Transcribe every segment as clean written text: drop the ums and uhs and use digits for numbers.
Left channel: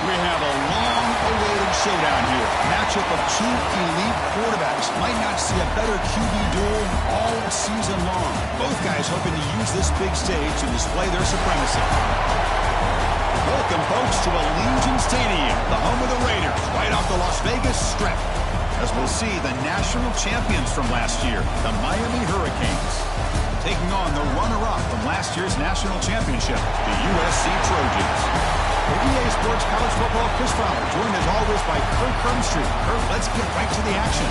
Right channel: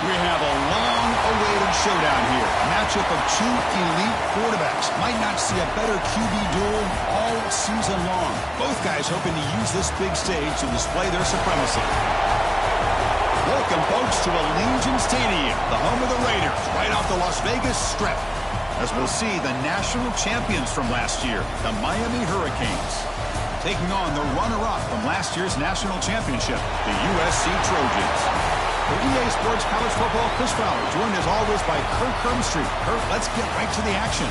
We have a long-awaited showdown here. A matchup of two elite quarterbacks. Might not see a better QB duel all season long. Both guys hoping to use this big stage to display their supremacy. Welcome, folks, to Allegiant Stadium, the home of the Raiders, right off the Las Vegas Strip. As we'll see the national champions from last year, the Miami Hurricanes, taking on the runner-up from last year's national championship, the USC Trojans. For EA Sports College Football, Chris Fowler, joined as always by Kirk Hermstreet. Kirk, let's get right to the action.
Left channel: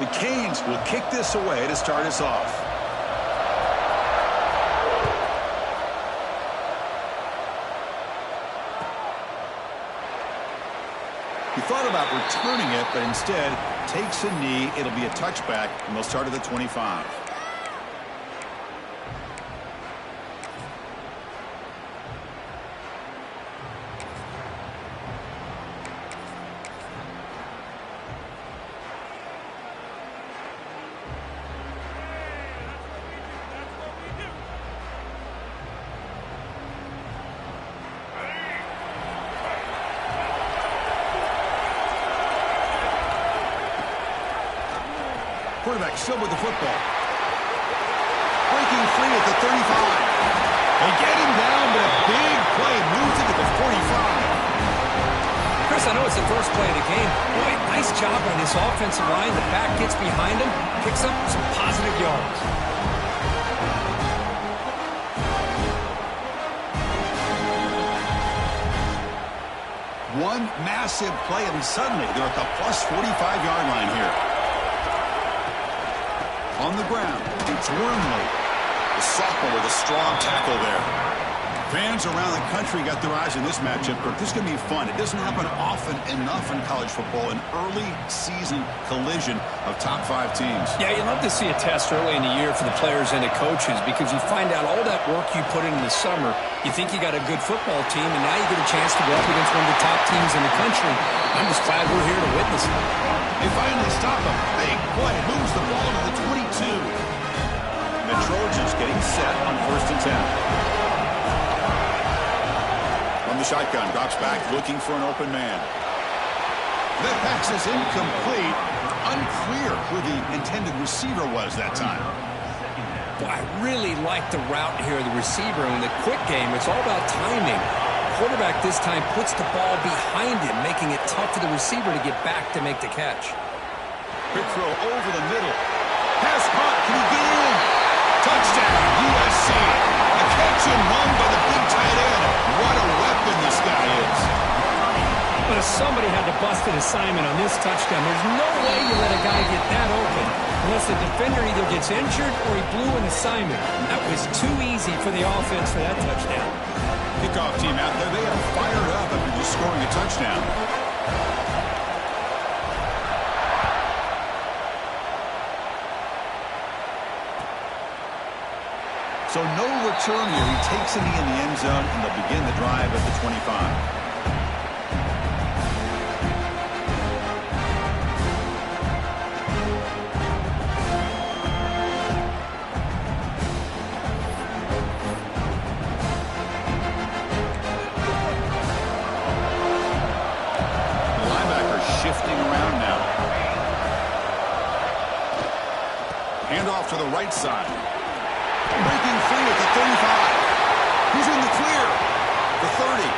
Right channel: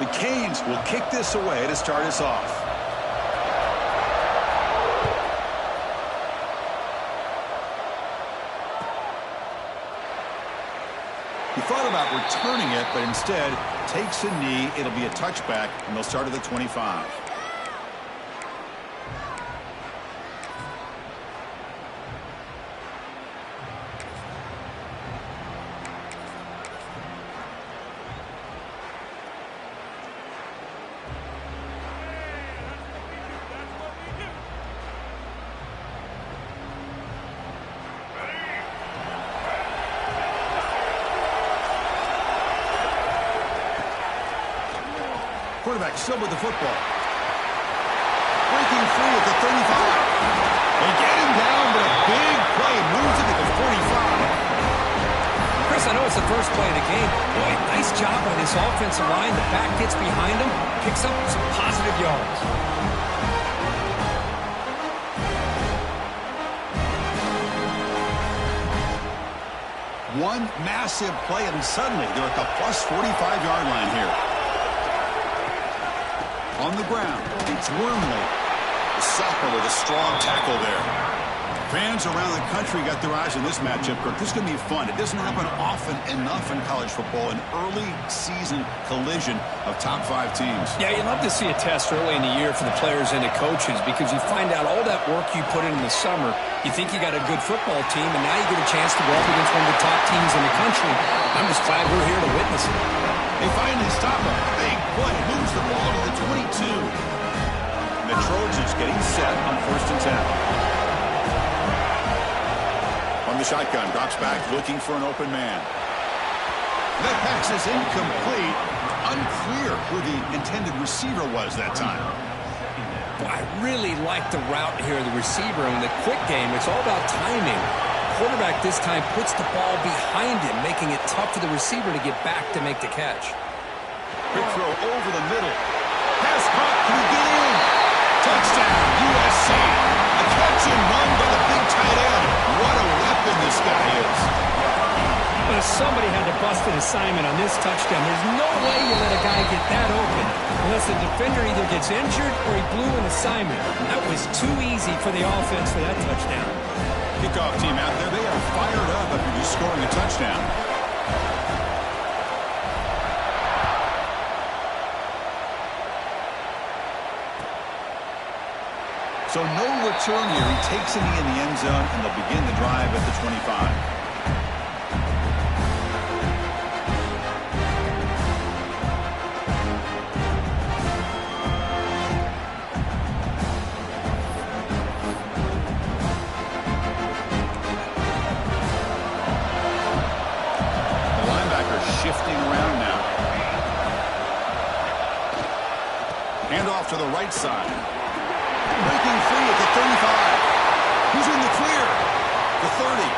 The Canes will kick this away to start us off. He thought about returning it, but instead takes a knee. It'll be a touchback, and they'll start at the 25. Quarterback still with the football. Breaking free at the 35. They get him down, but a big play moves it to the 45. Chris, I know it's the first play of the game. Boy, nice job by this offensive line. The back gets behind him, picks up some positive yards. One massive play, and suddenly they're at the plus 45-yard line here. On the ground, it's Wormley. The sophomore with a strong tackle there. Fans around the country got their eyes on this matchup, Kirk. This is going to be fun. It doesn't happen often enough in college football, an early season collision of top 5 teams. Yeah, you love to see a test early in the year for the players and the coaches because you find out all that work you put in the summer. You think you got a good football team, and now you get a chance to go up against one of the top teams in the country. I'm just glad we're here to witness it. They finally stop him. Big play. Moves the ball to the 22. And the Trojans getting set on 1st and 10. From the shotgun, drops back, looking for an open man. That pass is incomplete. Unclear who the intended receiver was that time. Boy, I really like the route here of the receiver. In the quick game, it's all about timing. Quarterback this time puts the ball behind him, making it tough for the receiver to get back to make the catch. Quick throw over the middle. Pass caught. Can he get in? Touchdown, USC. A catch and run by the big tight end. What a weapon this guy is. But if somebody had to bust an assignment on this touchdown, there's no way you let a guy get that open unless the defender either gets injured or he blew an assignment. That was too easy for the offense for that touchdown. Kickoff team out there, they are fired up after just scoring a touchdown. So no return here. He takes a knee in the end zone, and they'll begin the drive at the 25. Shifting around now. Handoff to the right side. Breaking free at the 35. He's in the clear. The 30.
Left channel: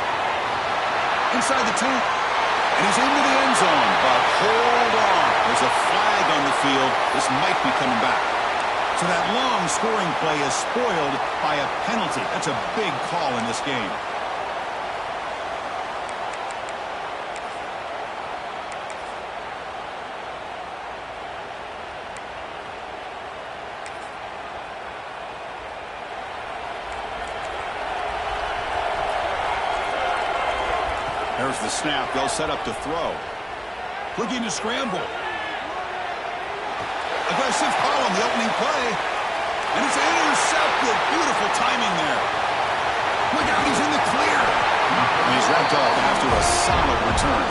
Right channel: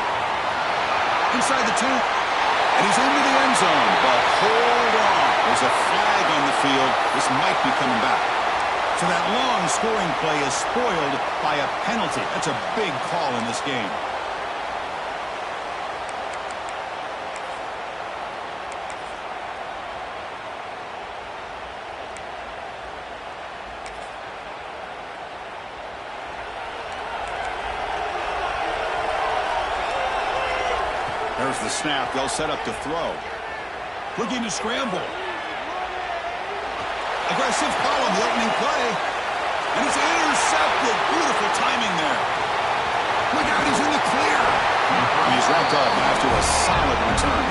Inside the 10. And he's into the end zone. But hold on. There's a flag on the field. This might be coming back. So that long scoring play is spoiled by a penalty. That's a big call in this game. There's the snap. They'll set up to throw. Looking to scramble. Aggressive call on the opening play. And it's intercepted. Beautiful timing there. Look out, he's in the clear. And he's wrapped up after a solid return.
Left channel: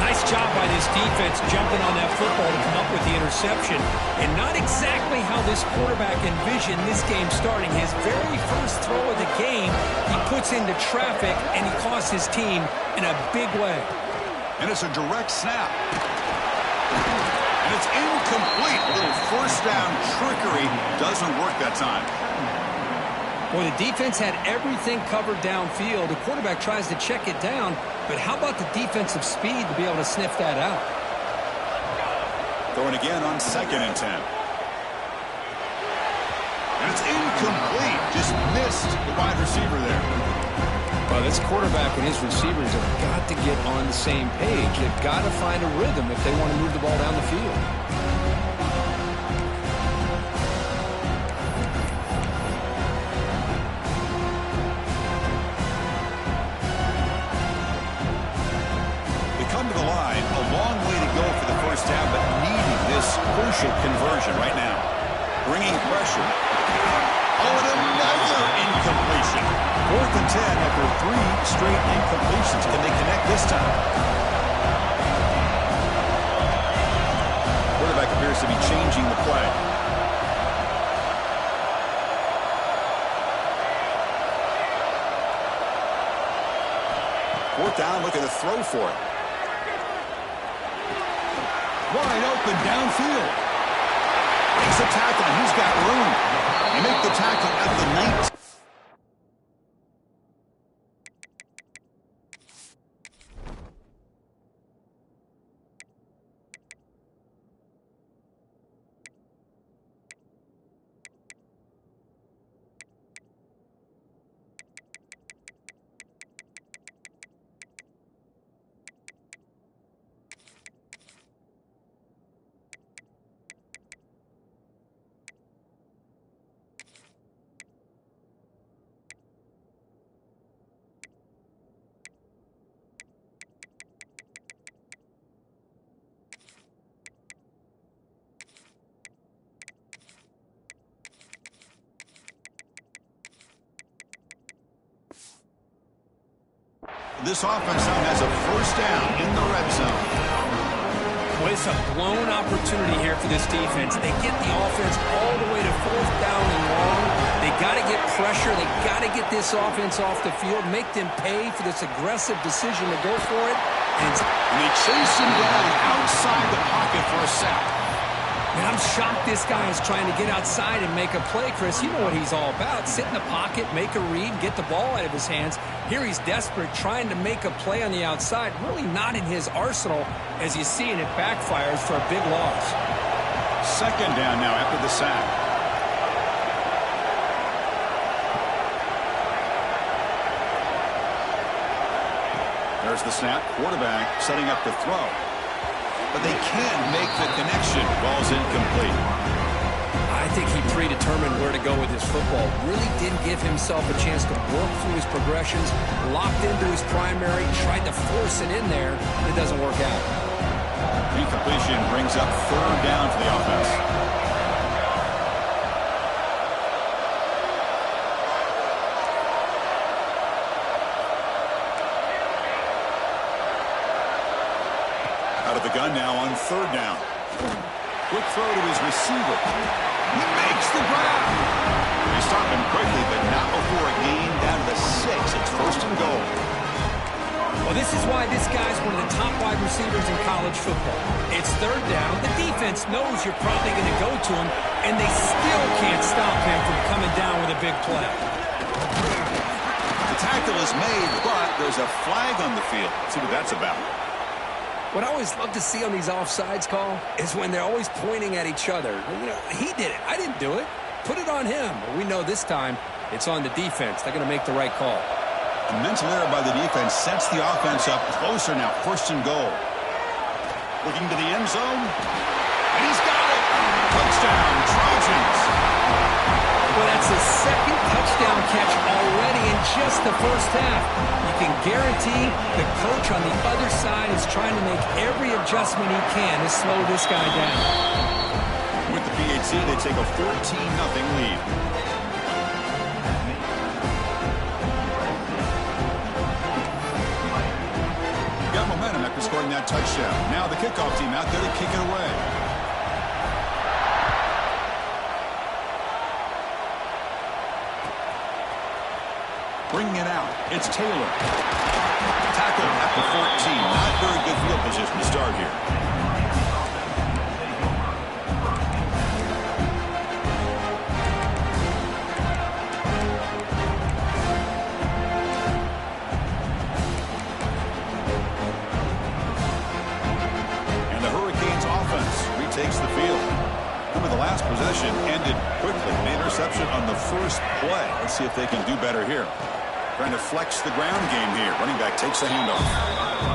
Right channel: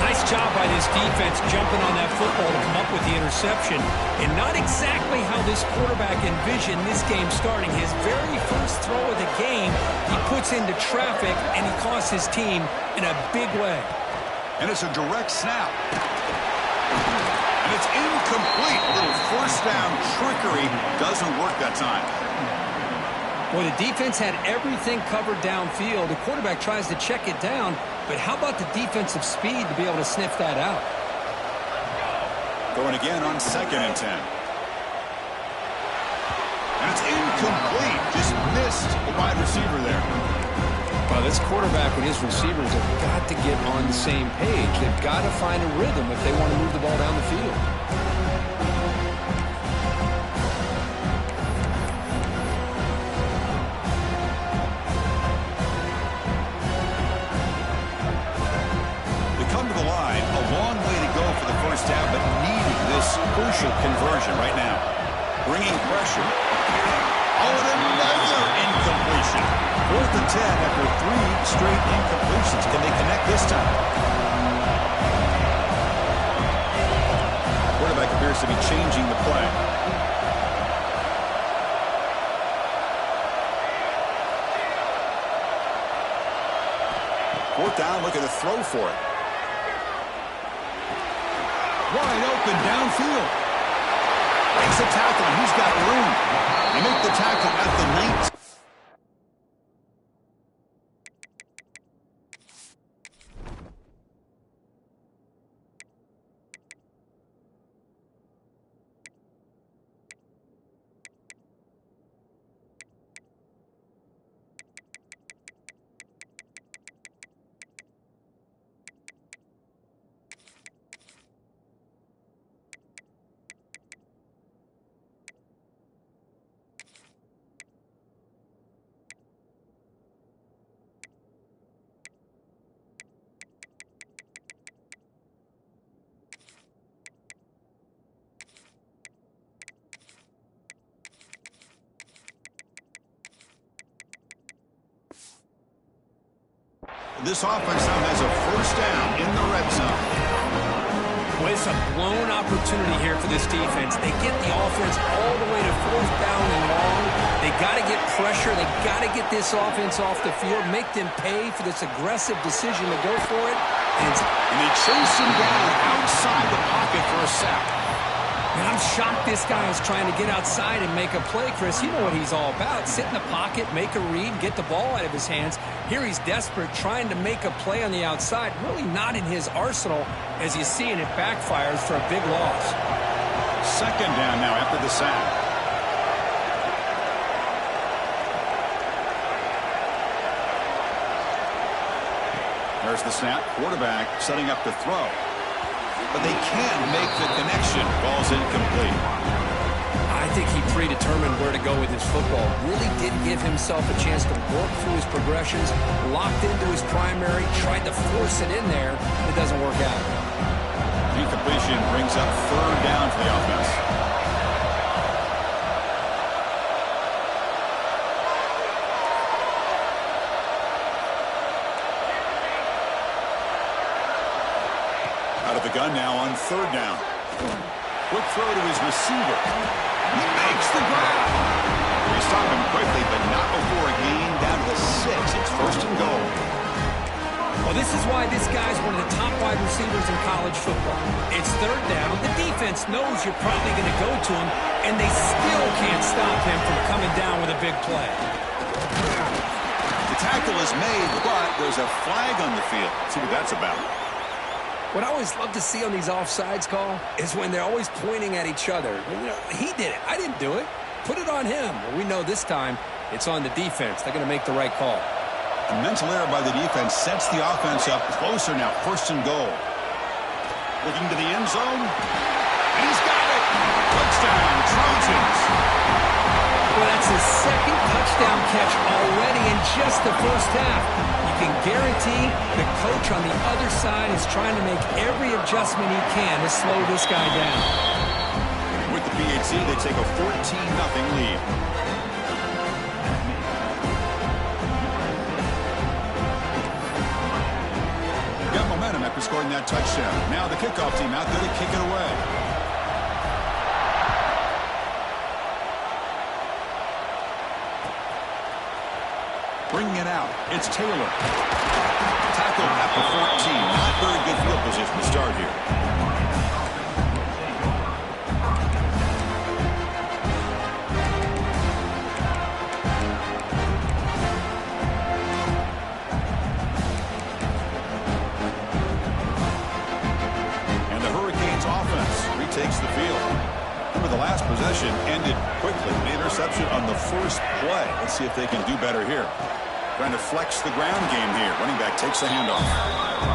Nice job by this defense jumping on that football to come up with the interception. And not exactly how this quarterback envisioned this game starting. His very first throw of the game, he puts into traffic, and he costs his team in a big way. And it's a direct snap. And it's incomplete. A little first down trickery doesn't work that time. Well, the defense had everything covered downfield. The quarterback tries to check it down, but how about the defensive speed to be able to sniff that out? Throwing again on 2nd and 10. And it's incomplete. Just missed the wide receiver there. Well, this quarterback and his receivers have got to get on the same page. They've got to find a rhythm if they want to move the ball down the field. Come to the line, a long way to go for the first down, but needing this crucial conversion right now. Bringing pressure. Oh, and another incompletion. 4th and 10 after 3 straight incompletions. Can they connect this time? Quarterback appears to be changing the play. Fourth down, looking to throw for it. Wide open downfield. Makes a tackle, and he's got room. They make the tackle at the 19. This offense now has a first down in the red zone. Well, it's a blown opportunity here for this defense. They get the offense all the way to 4th down and long. They got to get pressure. They got to get this offense off the field, make them pay for this aggressive decision to go for it. And they chase him down outside the pocket for a sack. Man, I'm shocked this guy is trying to get outside and make a play, Chris. You know what he's all about. Sit in the pocket, make a read, get the ball out of his hands. Here he's desperate, trying to make a play on the outside. Really not in his arsenal, as you see, and it backfires for a big loss. 2nd down now after the sack. There's the snap. Quarterback setting up to throw. But they can't make the connection. Ball's incomplete. I think he predetermined where to go with his football. Really didn't give himself a chance to work through his progressions. Locked into his primary. Tried to force it in there. It doesn't work out. Incompletion brings up 3rd down for the offense. Out of the gun now on 3rd down. Quick throw to his receiver. He makes the grab. They stop him quickly, but not before a gain down to the 6. It's 1st and goal. Well, this is why this guy's one of the top wide receivers in college football. It's 3rd down. The defense knows you're probably going to go to him, and they still can't stop him from coming down with a big play. The tackle is made, but there's a flag on the field. Let's see what that's about. What I always love to see on these offsides call is when they're always pointing at each other. You know, he did it. I didn't do it. Put it on him. Well, we know this time it's on the defense. They're going to make the right call. A mental error by the defense sets the offense up closer now. 1st and goal. Looking to the end zone. And he's got it. Touchdown, Trojans. Well, that's his 2nd touchdown catch already in just the first half. You can guarantee the coach on the other side is trying to make every adjustment he can to slow this guy down. Ncaa, they take a 14-0 lead. Got momentum after scoring that touchdown. Now the kickoff team out there to kick it away. Bringing it out, it's Taylor. Tackled at the 14. Not very good field position to start here. And the Hurricanes offense retakes the field. Remember, the last possession ended quickly. An interception on the first play. Let's see if they can do better here. Trying to flex the ground game here. Running back takes the handoff.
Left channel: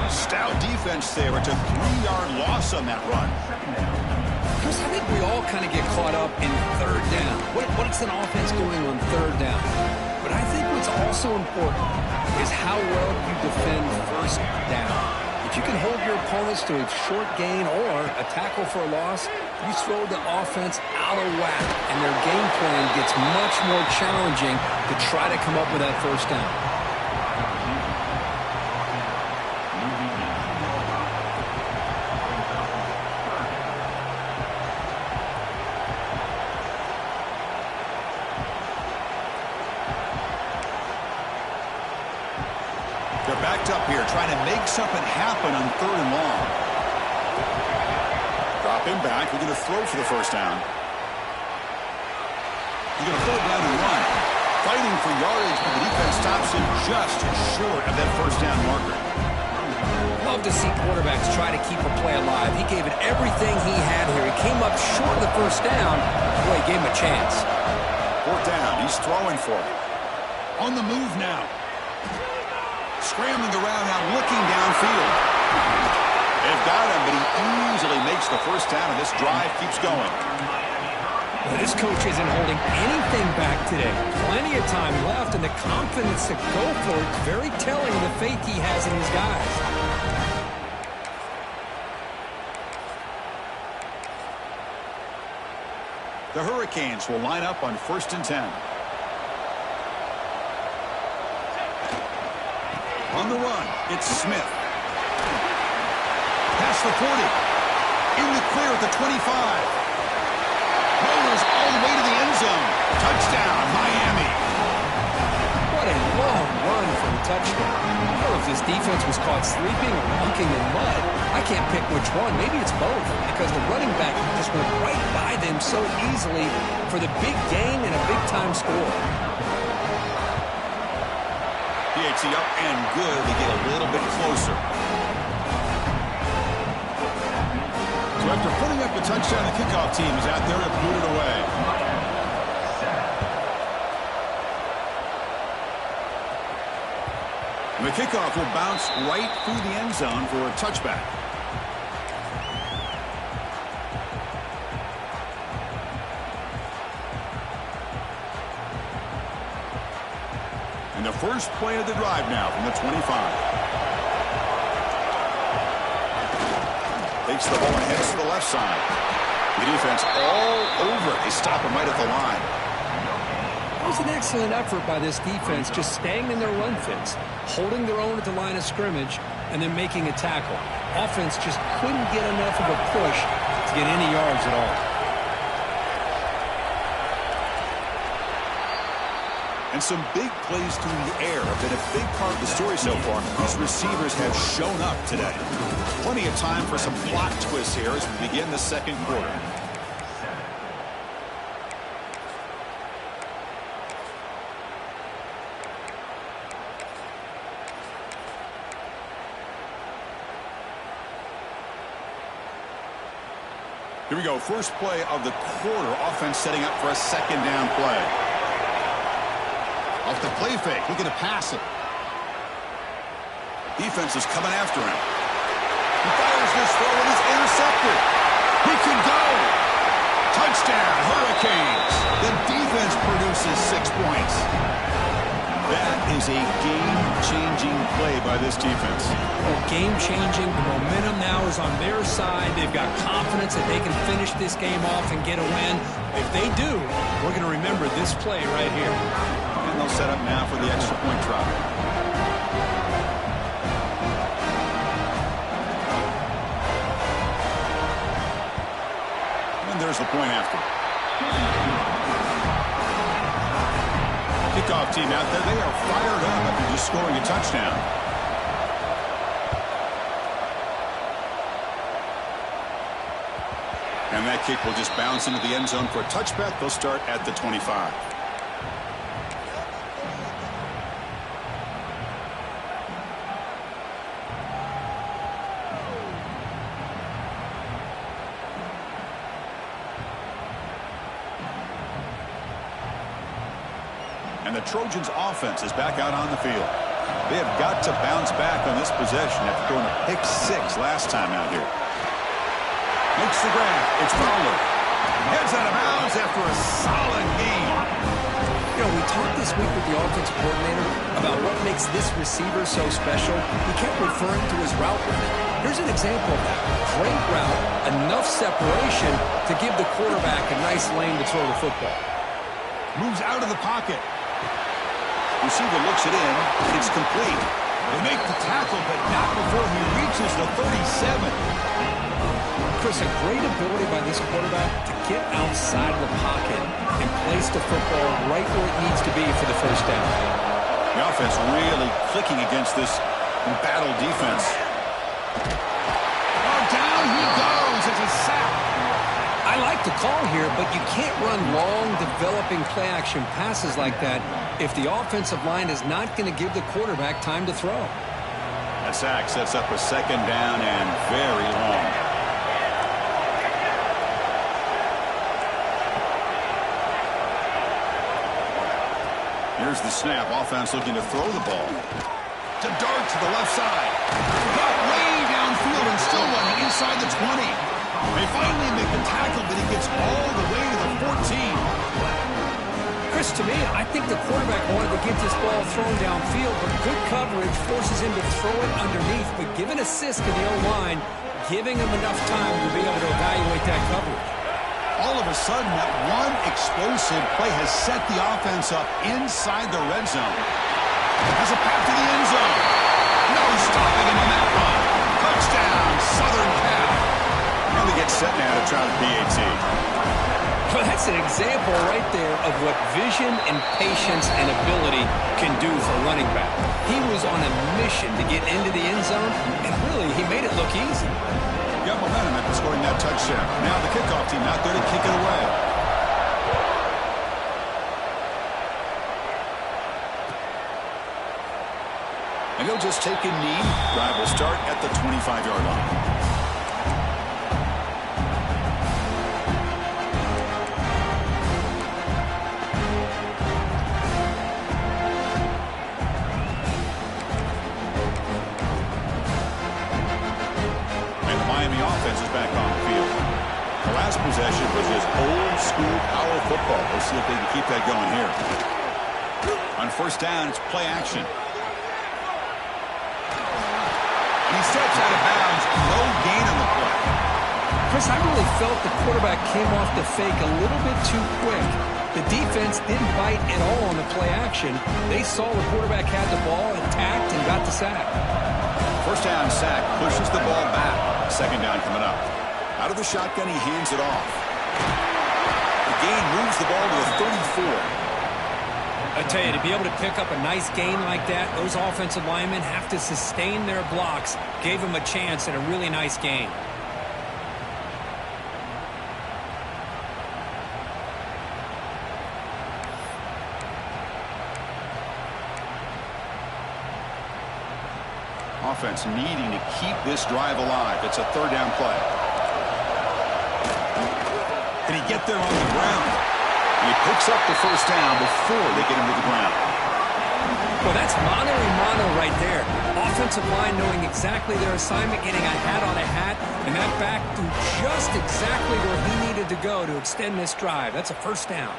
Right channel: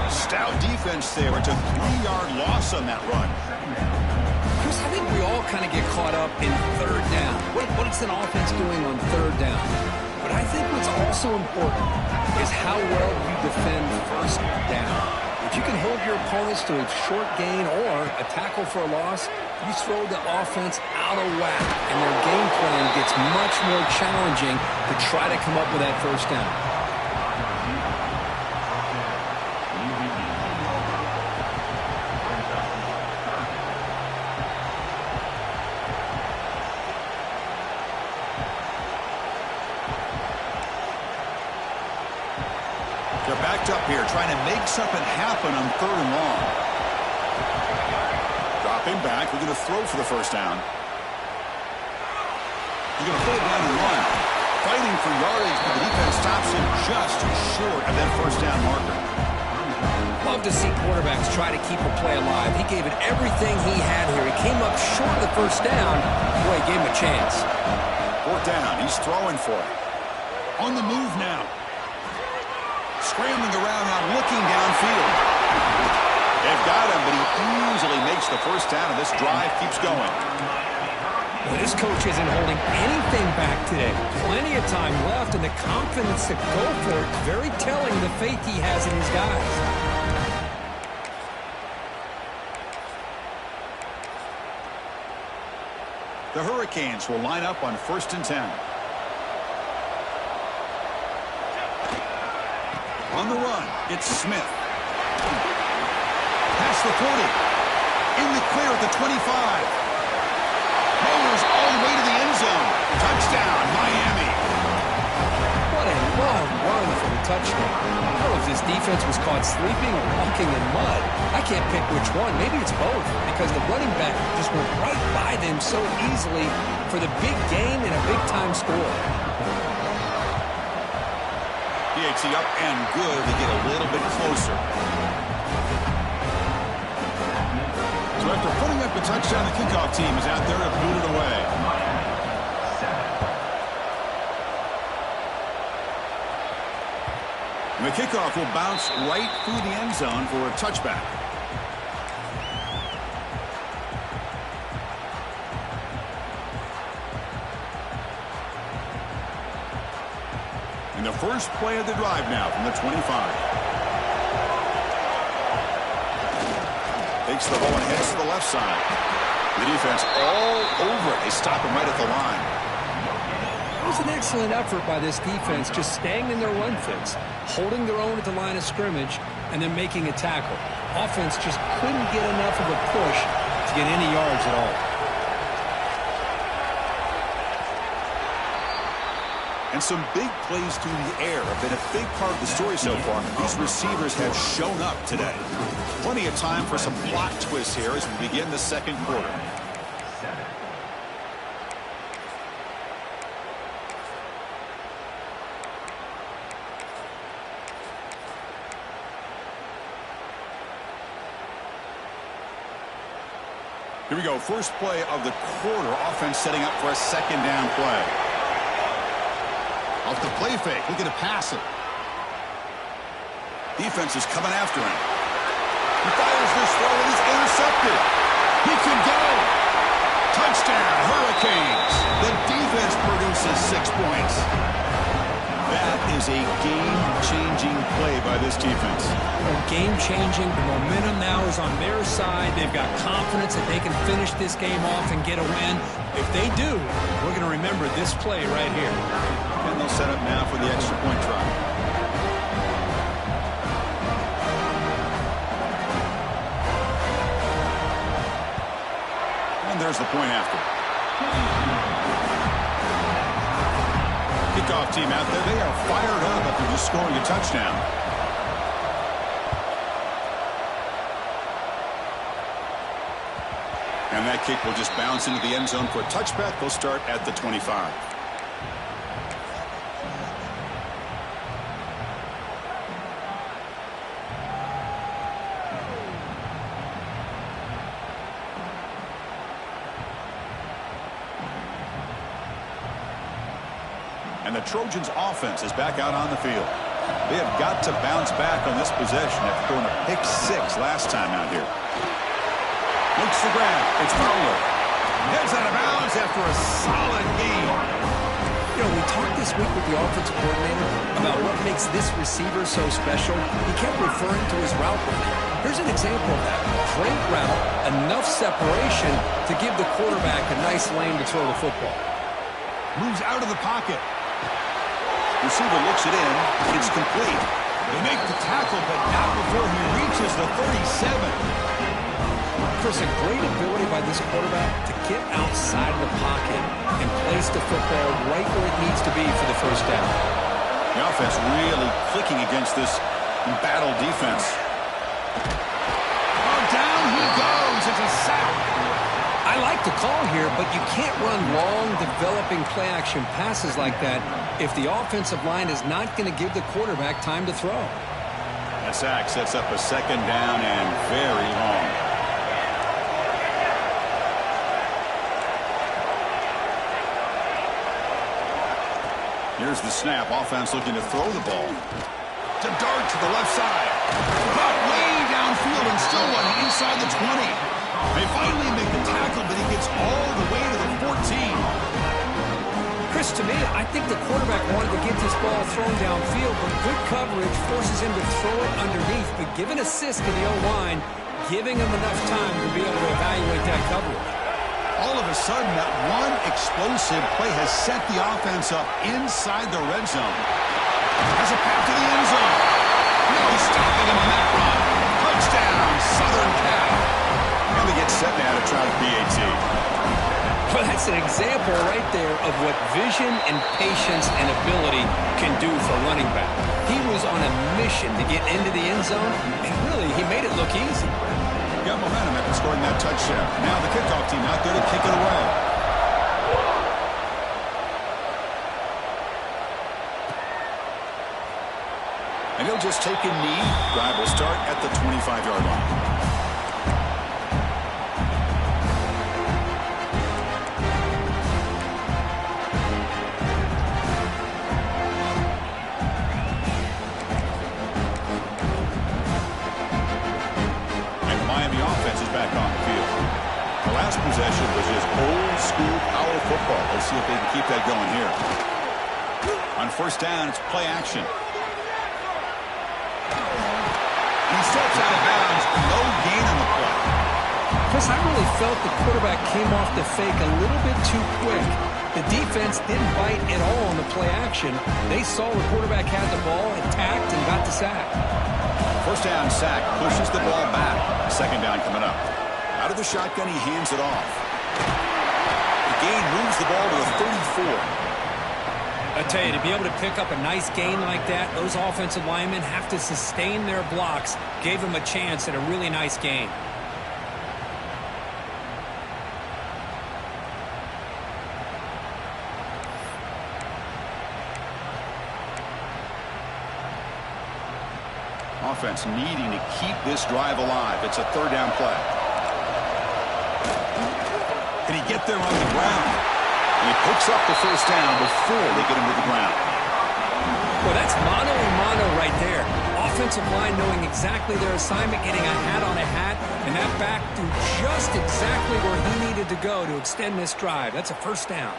Stout defense there. It's a 3-yard loss on that run. Chris, I think we all kind of get caught up in third down. What's an offense doing on third down? But I think what's also important is how well you defend first down. If you can hold your opponents to a short gain or a tackle for a loss, you throw the offense out of whack, and their game plan gets much more challenging to try to come up with that first down. They're backed up here, trying to make something happen on 3rd and long. Drop him back. We're going to throw for the first down. He's going to pull it down and run. Fighting for yardage, but the defense stops him just short of that first down marker. Love to see quarterbacks try to keep a play alive. He gave it everything he had here. He came up short of the first down. Boy, he gave him a chance. 4th down. He's throwing for it. On the move now. Scrambling around now, looking downfield. They've got him, but he easily makes the first down, and this drive keeps going. Well, this coach isn't holding anything back today. Plenty of time left, and the confidence to go for it is very telling, the faith he has in his guys. The Hurricanes will line up on 1st and 10. On the run, it's Smith. Past the 40. In the clear at the 25. Motors all the way to the end zone. Touchdown, Miami. What a long run for the touchdown. I don't know if this defense was caught sleeping or walking in mud. I can't pick which one. Maybe it's both, because the running back just went right by them so easily for the big gain and a big-time score. Ncaa up and good. They get a little bit closer. So after putting up the touchdown, the kickoff team is out there to boot it away. And the kickoff will bounce right through the end zone for a touchback. And the first play of the drive now from the 25. Takes the ball and heads to the left side. The defense all over it. They stop him right at the line. It was an excellent effort by this defense, just staying in their run fits, holding their own at the line of scrimmage, and then making a tackle. Offense just couldn't get enough of a push to get any yards at all. And some big plays through the air have been a big part of the story so far. These receivers have shown up today. Plenty of time for some plot twists here as we begin the second quarter. Here we go. First play of the quarter. Offense setting up for a second down play. Off the play fake, looking to pass it. Defense is coming after him. He fires this throw and it's intercepted. He could go. Touchdown, Hurricanes. The defense produces 6 points. That is a game-changing play by this defense. Well, game-changing. The momentum now is on their side. They've got confidence that they can finish this game off and get a win. If they do, we're going to remember this play right here. And they'll set up now for the extra point try. And there's the point after. Kickoff team out there. They are fired up after just scoring a touchdown. And that kick will just bounce into the end zone for a touchback. They'll start at the 25. And the Trojans' offense is back out on the field. They have got to bounce back on this possession after throwing a pick 6 last time out here. Makes the grab. It's Fowler. Heads out of bounds after a solid game. You know, we talked this week with the offensive coordinator about what makes this receiver so special. He kept referring to his route running. Here's an example of that. Great route, enough separation to give the quarterback a nice lane to throw the football. Moves out of the pocket. Receiver looks it in. It's complete. They make the tackle, but not before he reaches the 37. Chris, a great ability by this quarterback to get outside of the pocket and place the football right where it needs to be for the first down. The offense really clicking against this embattled defense. Oh, down he goes. It's a sack. I like the call here, but you can't run long, developing play-action passes like that if the offensive line is not going to give the quarterback time to throw. A sack sets up a second down and very long. Here's the snap. Offense looking to throw the ball. To dart to the left side. Got way downfield and still running inside the 20. They finally make the tackle, but he gets all the way to the 14. Chris, to me, I think the quarterback wanted to get this ball thrown downfield, but good coverage forces him to throw it underneath. But give an assist to the O-line, giving him enough time to be able to evaluate that coverage. All of a sudden, that one explosive play has set the offense up inside the red zone. Has a path to the end zone. No stopping him on that run. Touchdown, Southern Cal. And they get set now to try the PAT. Well, that's an example right there of what vision and patience and ability can do for running back. He was on a mission to get into the end zone, and really, he made it look easy. Got momentum after scoring that touchdown. Now the kickoff team out there to kick it away. And he'll just take a knee. Drive will start at the 25-yard line. Offense is back on the field. The last possession was just old school power football. Let's see if they can keep that going here. On first down, it's play action. He steps out of bounds. No gain on the play. Chris, I really felt the quarterback came off the fake a little bit too quick. The defense didn't bite at all on the play action. They saw the quarterback had the ball, attacked, and got the sack. First down sack, pushes the ball back. Second down coming up. Out of the shotgun, he hands it off. The gain moves the ball to the 34. I tell you, to be able to pick up a nice gain like that, those offensive linemen have to sustain their blocks. Gave them a chance at a really nice gain. Offense needing to keep this drive alive. It's a third down play. Can he get there on the ground? And he picks up the first down before they get him to the ground. Well, that's mano-a-mano right there. Offensive line knowing exactly their assignment, getting a hat on a hat, and that back through just exactly where he needed to go to extend this drive. That's a first down.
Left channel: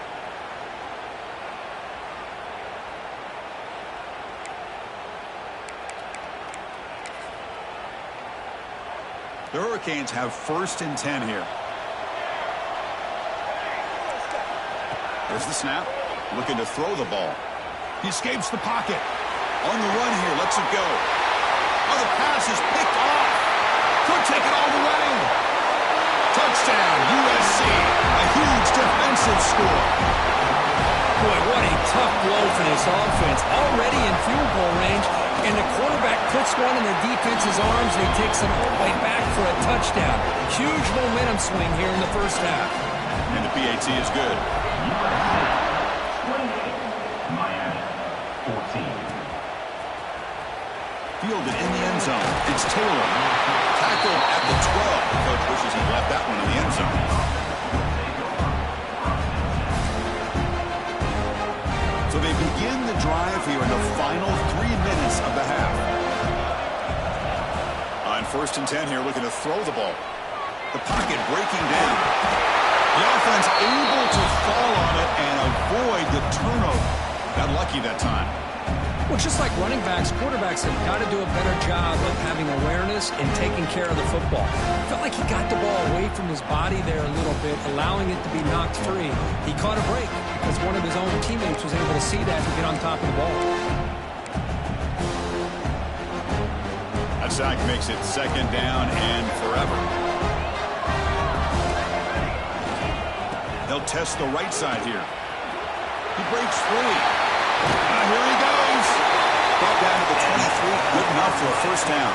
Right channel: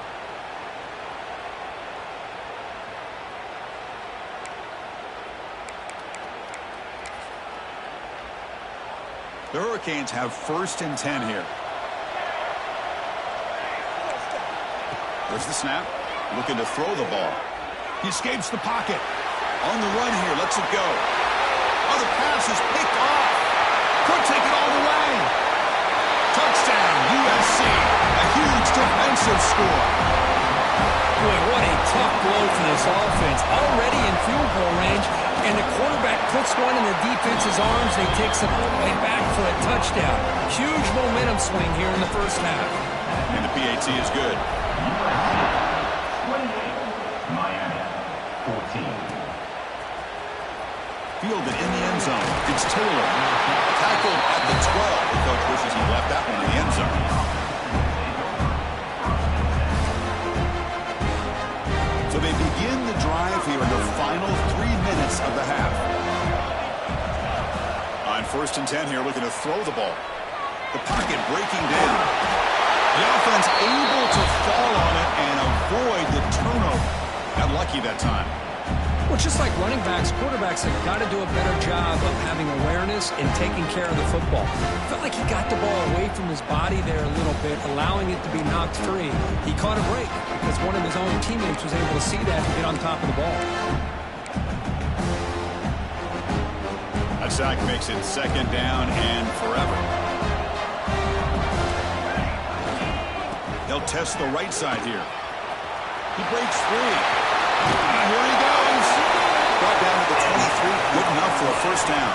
The Hurricanes have 1st and 10 here. There's the snap. Looking to throw the ball. He escapes the pocket. On the run here. Lets it go. Oh, the pass is picked off. Could take it all the way. Touchdown, USC. A huge defensive score. Boy, what a tough blow for this offense. Already in field goal range, and the quarterback puts one in the defense's arms, and he takes it all the way back for a touchdown. Huge momentum swing here in the first half. And the PAT is good. USC 28, Miami 14. Fielded in the end zone. It's Taylor. Tackled at the 12. The coach wishes he left that one in the end zone. So they begin the drive here in the final 3 minutes of the half. On 1st and 10 here, looking to throw the ball. The pocket breaking down. The offense able to fall on it and avoid the turnover. Got lucky that time. Well, just like running backs, quarterbacks have got to do a better job of having awareness and taking care of the football. Felt like he got the ball away from his body there a little bit, allowing it to be knocked free. He caught a break because one of his own teammates was able to see that and get on top of the ball. That sack makes it 2nd down and forever. They'll test the right side here. He breaks free. Here he goes. Brought down to the 23. Good enough for a 1st down.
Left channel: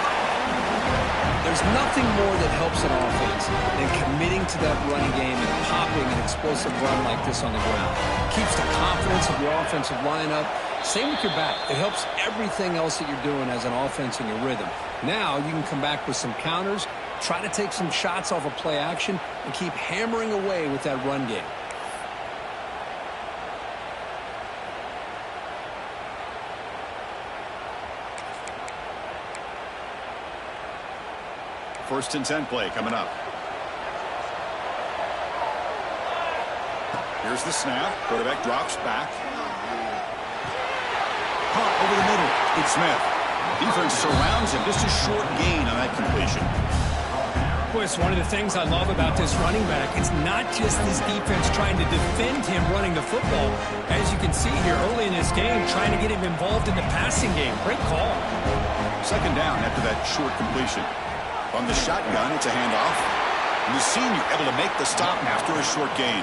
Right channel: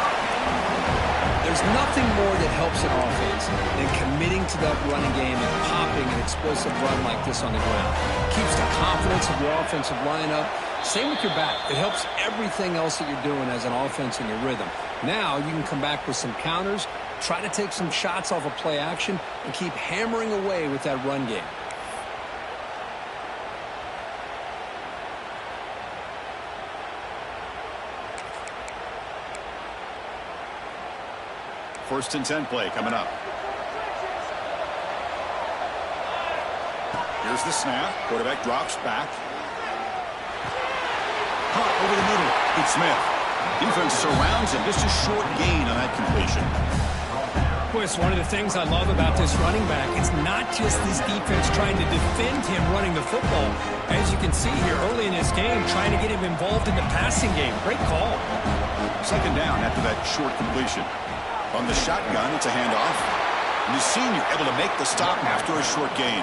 There's nothing more that helps an offense than committing to that running game and popping an explosive run like this on the ground. Keeps the confidence of your offensive lineup. Same with your back. It helps everything else that you're doing as an offense in your rhythm. Now you can come back with some counters, try to take some shots off of play action, and keep hammering away with that run game. First and 10 play coming up. Here's the snap. Quarterback drops back. Hot over the middle. It's Smith. Defense surrounds him. Just a short gain on that completion. Boy, it's one of the things I love about this running back. It's not just this defense trying to defend him running the football. As you can see here early in this game, trying to get him involved in the passing game. Great call. 2nd down after that short completion. From the shotgun, it's a handoff. And the senior able to make the stop after a short gain.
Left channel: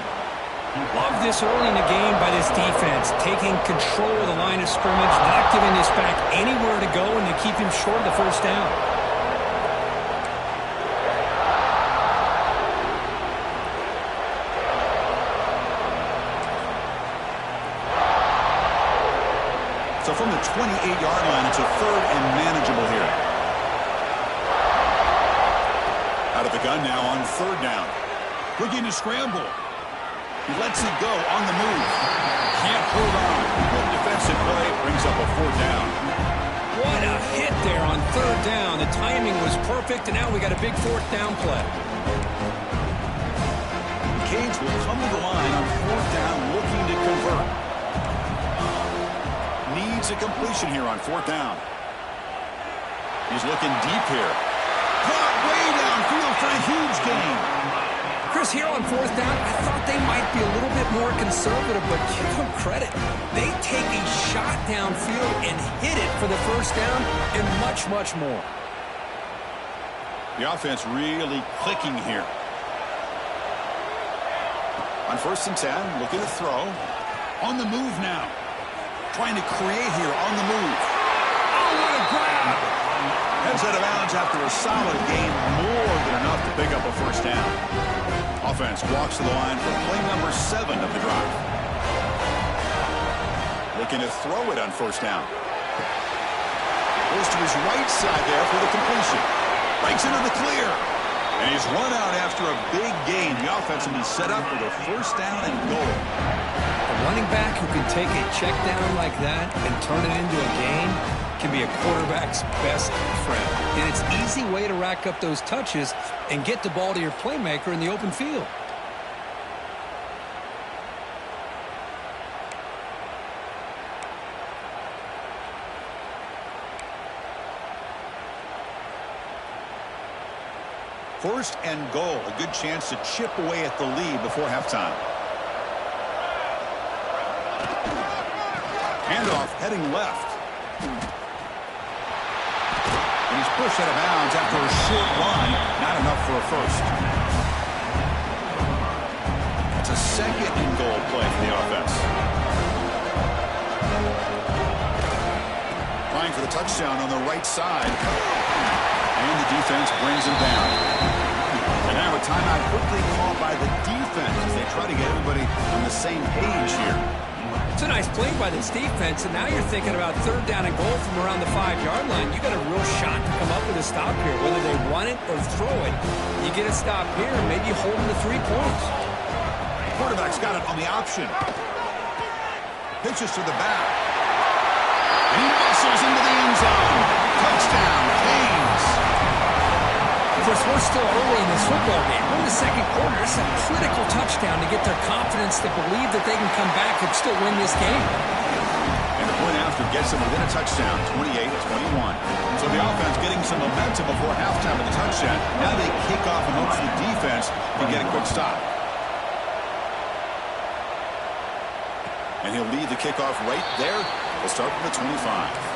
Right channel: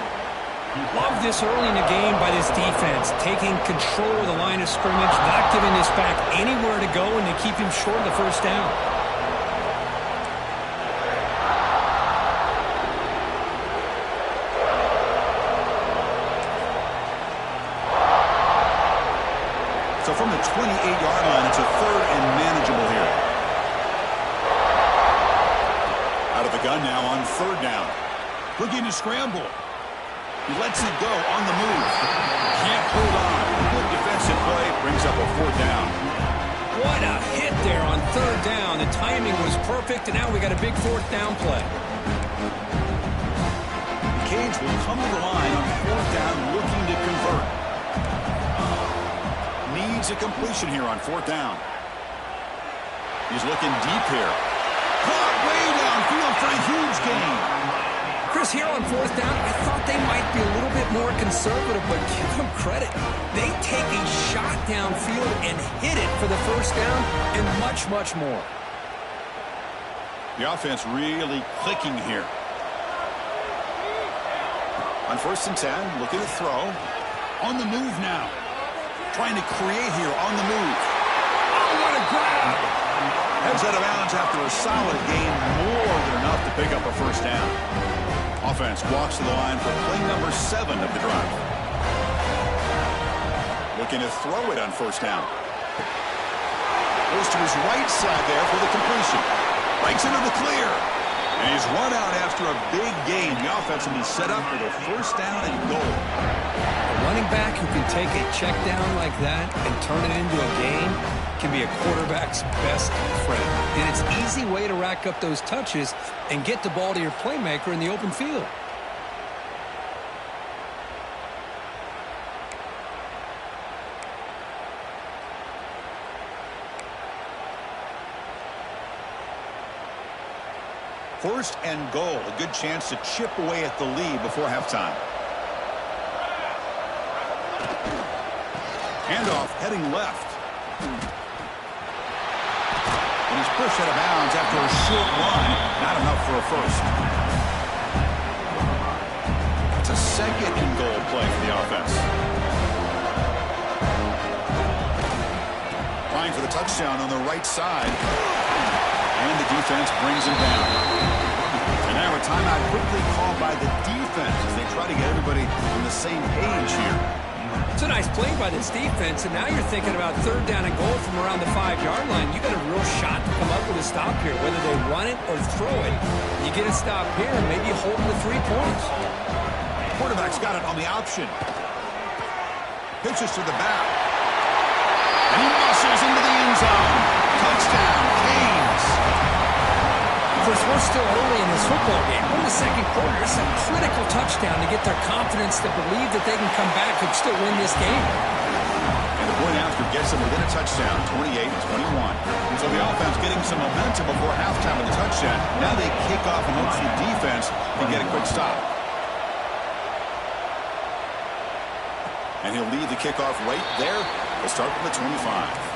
Love this early in the game by this defense, taking control of the line of scrimmage, not giving this back anywhere to go, and to keep him short of the 1st down. So from the 28-yard line, it's a 3rd and manageable here. Out of the gun now on 3rd down. Looking to scramble. He lets it go on the move. Can't hold on. Good defensive play. Brings up a 4th down. What a hit there on 3rd down. The timing was perfect, and now we got a big 4th down play. The Canes will come to the line on 4th down looking to convert. Needs a completion here on 4th down. He's looking deep here. Caught way downfield for a huge gain. Chris, here on 4th down, I thought they might be a little bit more conservative, but give them credit. They take a shot downfield and hit it for the 1st down and much, much more. The offense really clicking here. On 1st and 10, looking to throw. On the move now. Trying to create here on the move. Oh, what a grab! Heads out of bounds after a solid gain, more than enough to pick up a 1st down. Offense walks to the line for play number 7 of the drive. Looking to throw it on 1st down. Goes to his right side there for the completion. Breaks into the clear. And he's run out after a big gain. The offense will be set up with a 1st down and goal. A running back who can take a check down like that and turn it into a gain can be a quarterback's best friend. And it's an easy way to rack up those touches and get the ball to your playmaker in the open field. First and goal, a good chance to chip away at the lead before halftime. Handoff heading left. And he's pushed out of bounds after a short run. Not enough for a first. That's a second and goal play for the offense. Trying for the touchdown on the right side. And the defense brings him down. And now a timeout quickly called by the defense as they try to get everybody on the same page here. It's a nice play by this defense, and now you're thinking about third down and goal from around the 5-yard line. You got a real shot to come up with a stop here, whether they run it or throw it. You get a stop here, and maybe hold them to 3 points. Quarterback's got it on the option. Pitches to the back. And he muscles into the end zone. Touchdown, Canes. Chris, we're still early in this football game. We're in the second quarter. It's a critical touchdown to get their confidence to believe that they can come back and still win this game. And the point after gets them within a touchdown, 28-21. So the offense getting some momentum before halftime with the touchdown. Now they kick off in hopes the defense can get a quick stop. And he'll lead the kickoff right there. We'll start from the 25.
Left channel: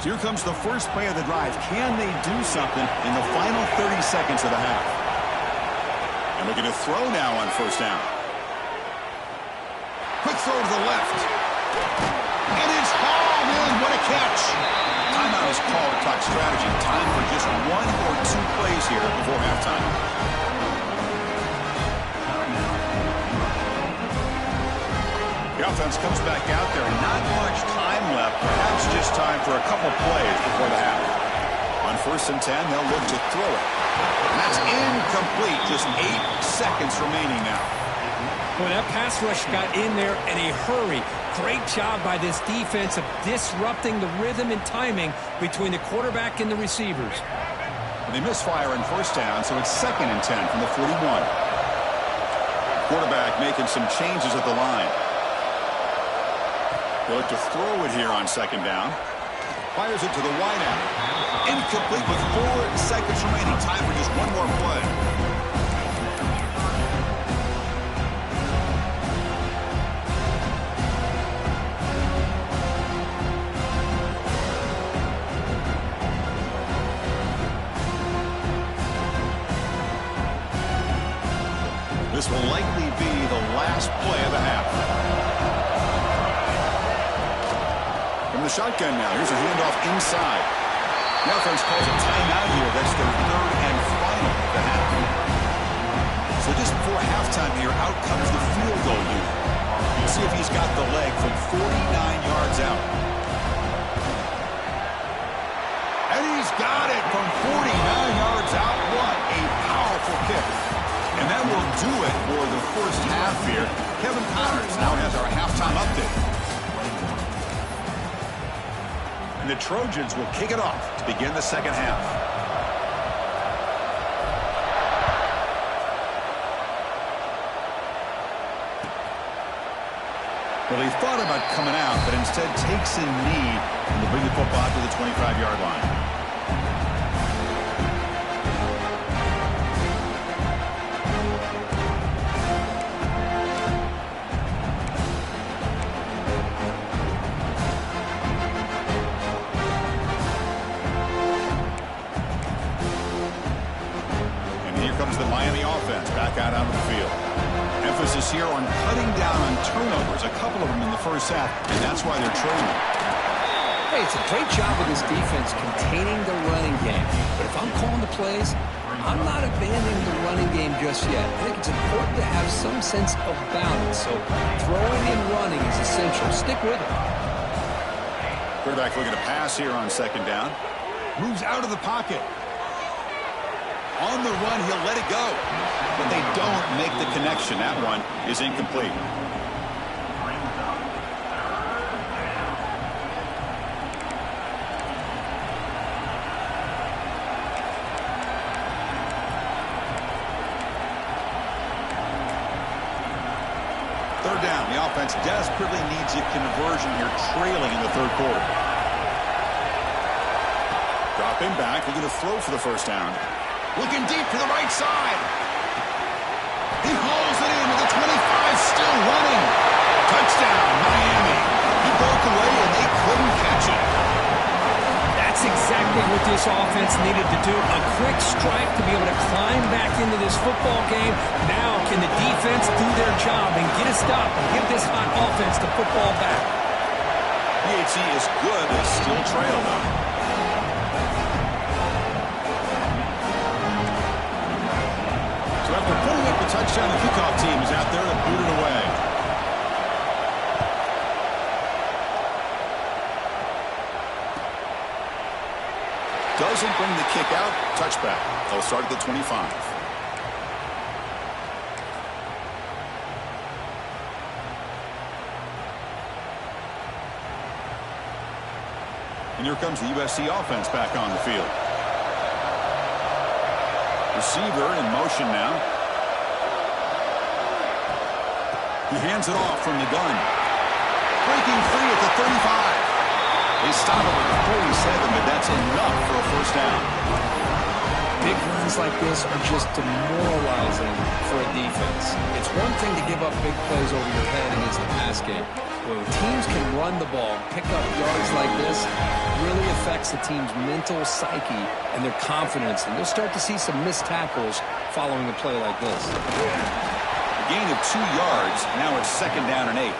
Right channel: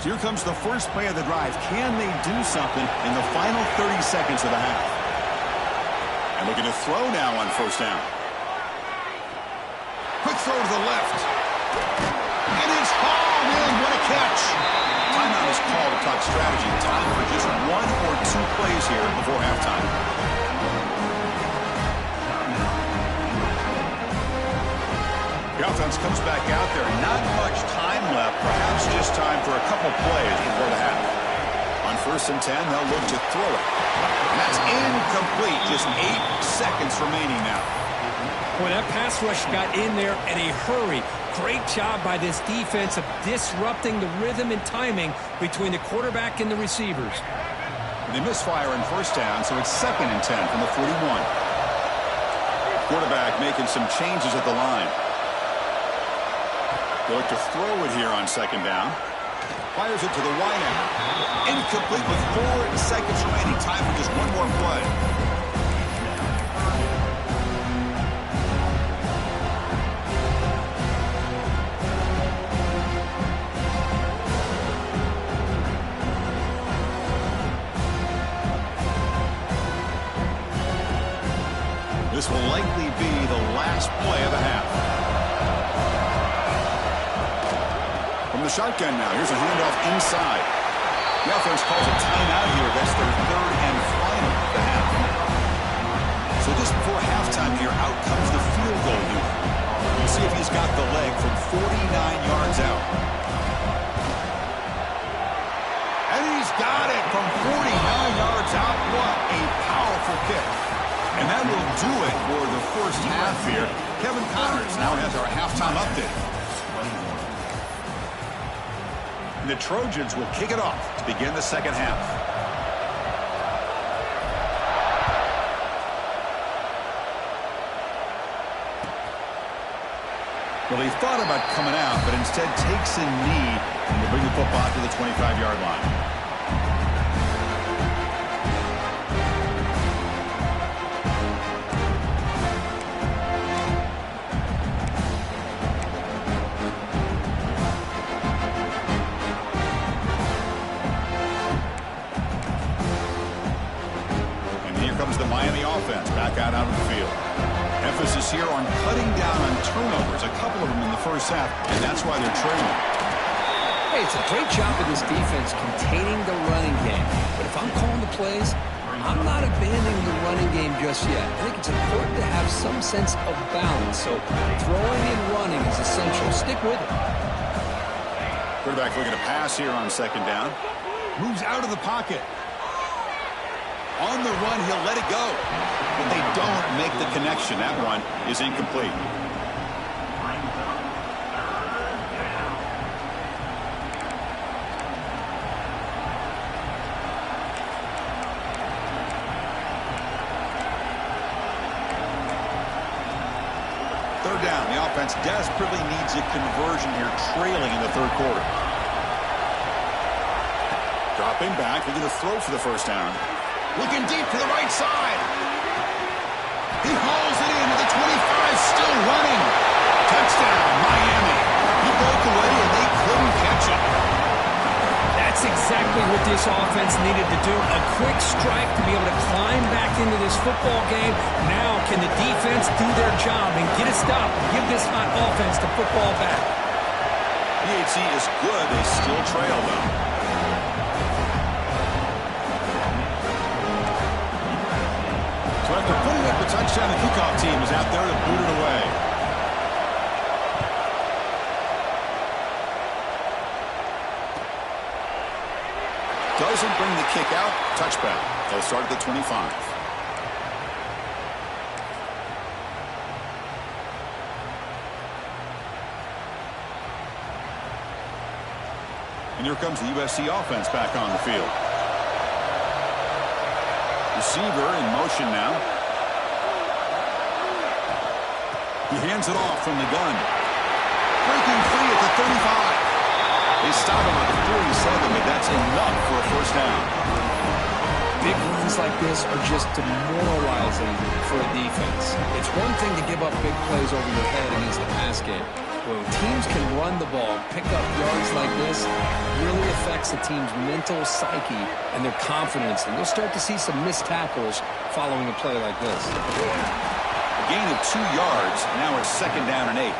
So here comes the first play of the drive. Can they do something in the final 30 seconds of the half? And looking to throw now on first down. Quick throw to the left. And it's hauled in. What a catch. Timeout is called to talk strategy. Time for just 1 or 2 plays here before halftime. The offense comes back out there. Not much time left. Perhaps just time for a couple plays before the half. On first and 10, they'll look to throw it. And that's incomplete. Just 8 seconds remaining now. Boy, that pass rush got in there in a hurry. Great job by this defense of disrupting the rhythm and timing between the quarterback and the receivers. And they misfire in first down, so it's second and 10 from the 41. Quarterback making some changes at the line. They look to throw it here on second down. Fires it to the wideout. Incomplete with 4 seconds remaining. Time for just 1 more play. This will likely be the last play of the half. From the shotgun now, here's a handoff inside. The offense calls a timeout here. That's their third and final of the half. So just before halftime here, out comes the field goal unit. We'll see if he's got the leg from 49 yards out. And he's got it from 49 yards out. What a powerful kick. And that will do it for the first half here. Kevin Connors now has our halftime update. And the Trojans will kick it off to begin the second half. Well, he thought about coming out, but instead takes a knee and will bring the football to the 25-yard line. Comes the Miami offense back out onto the field. Emphasis here on cutting down on turnovers, a couple of them in the first half, and that's why they're trailing. Hey, it's a great job of this defense containing the running game. But if I'm calling the plays, I'm not abandoning the running game just yet. I think it's important to have some sense of balance. So throwing and running is essential. Stick with it. Quarterback looking to pass here on second down. Moves out of the pocket. On the run, he'll let it go. But they don't make the connection. That one is incomplete. Third third down. The offense desperately needs a conversion here, trailing in the third quarter. Dropping back, looking to throw for the first down. Looking deep to the right side. He hauls it into the 25, still running. Touchdown, Miami. He broke away and they couldn't catch it. That's exactly what this offense needed to do. A quick strike to be able to climb back into this football game. Now can the defense do their job and get a stop and give this hot offense the football back? PHC is good. They still trail, though. So after putting up a touchdown, the kickoff team is out there to boot it away. Doesn't bring the kick out. Touchback. They'll start at the 25. And here comes the USC offense back on the field. Receiver in motion now. He hands it off from the gun. Breaking free at the 35. They stop him at the 47, but that's enough for a first down. Big runs like this are just demoralizing for a defense. It's one thing to give up big plays over your head against the pass game. When teams can run the ball and pick up yards like this, it really affects the team's mental psyche and their confidence. And you'll start to see some missed tackles following a play like this. A gain of 2 yards. Now it's second down and 8.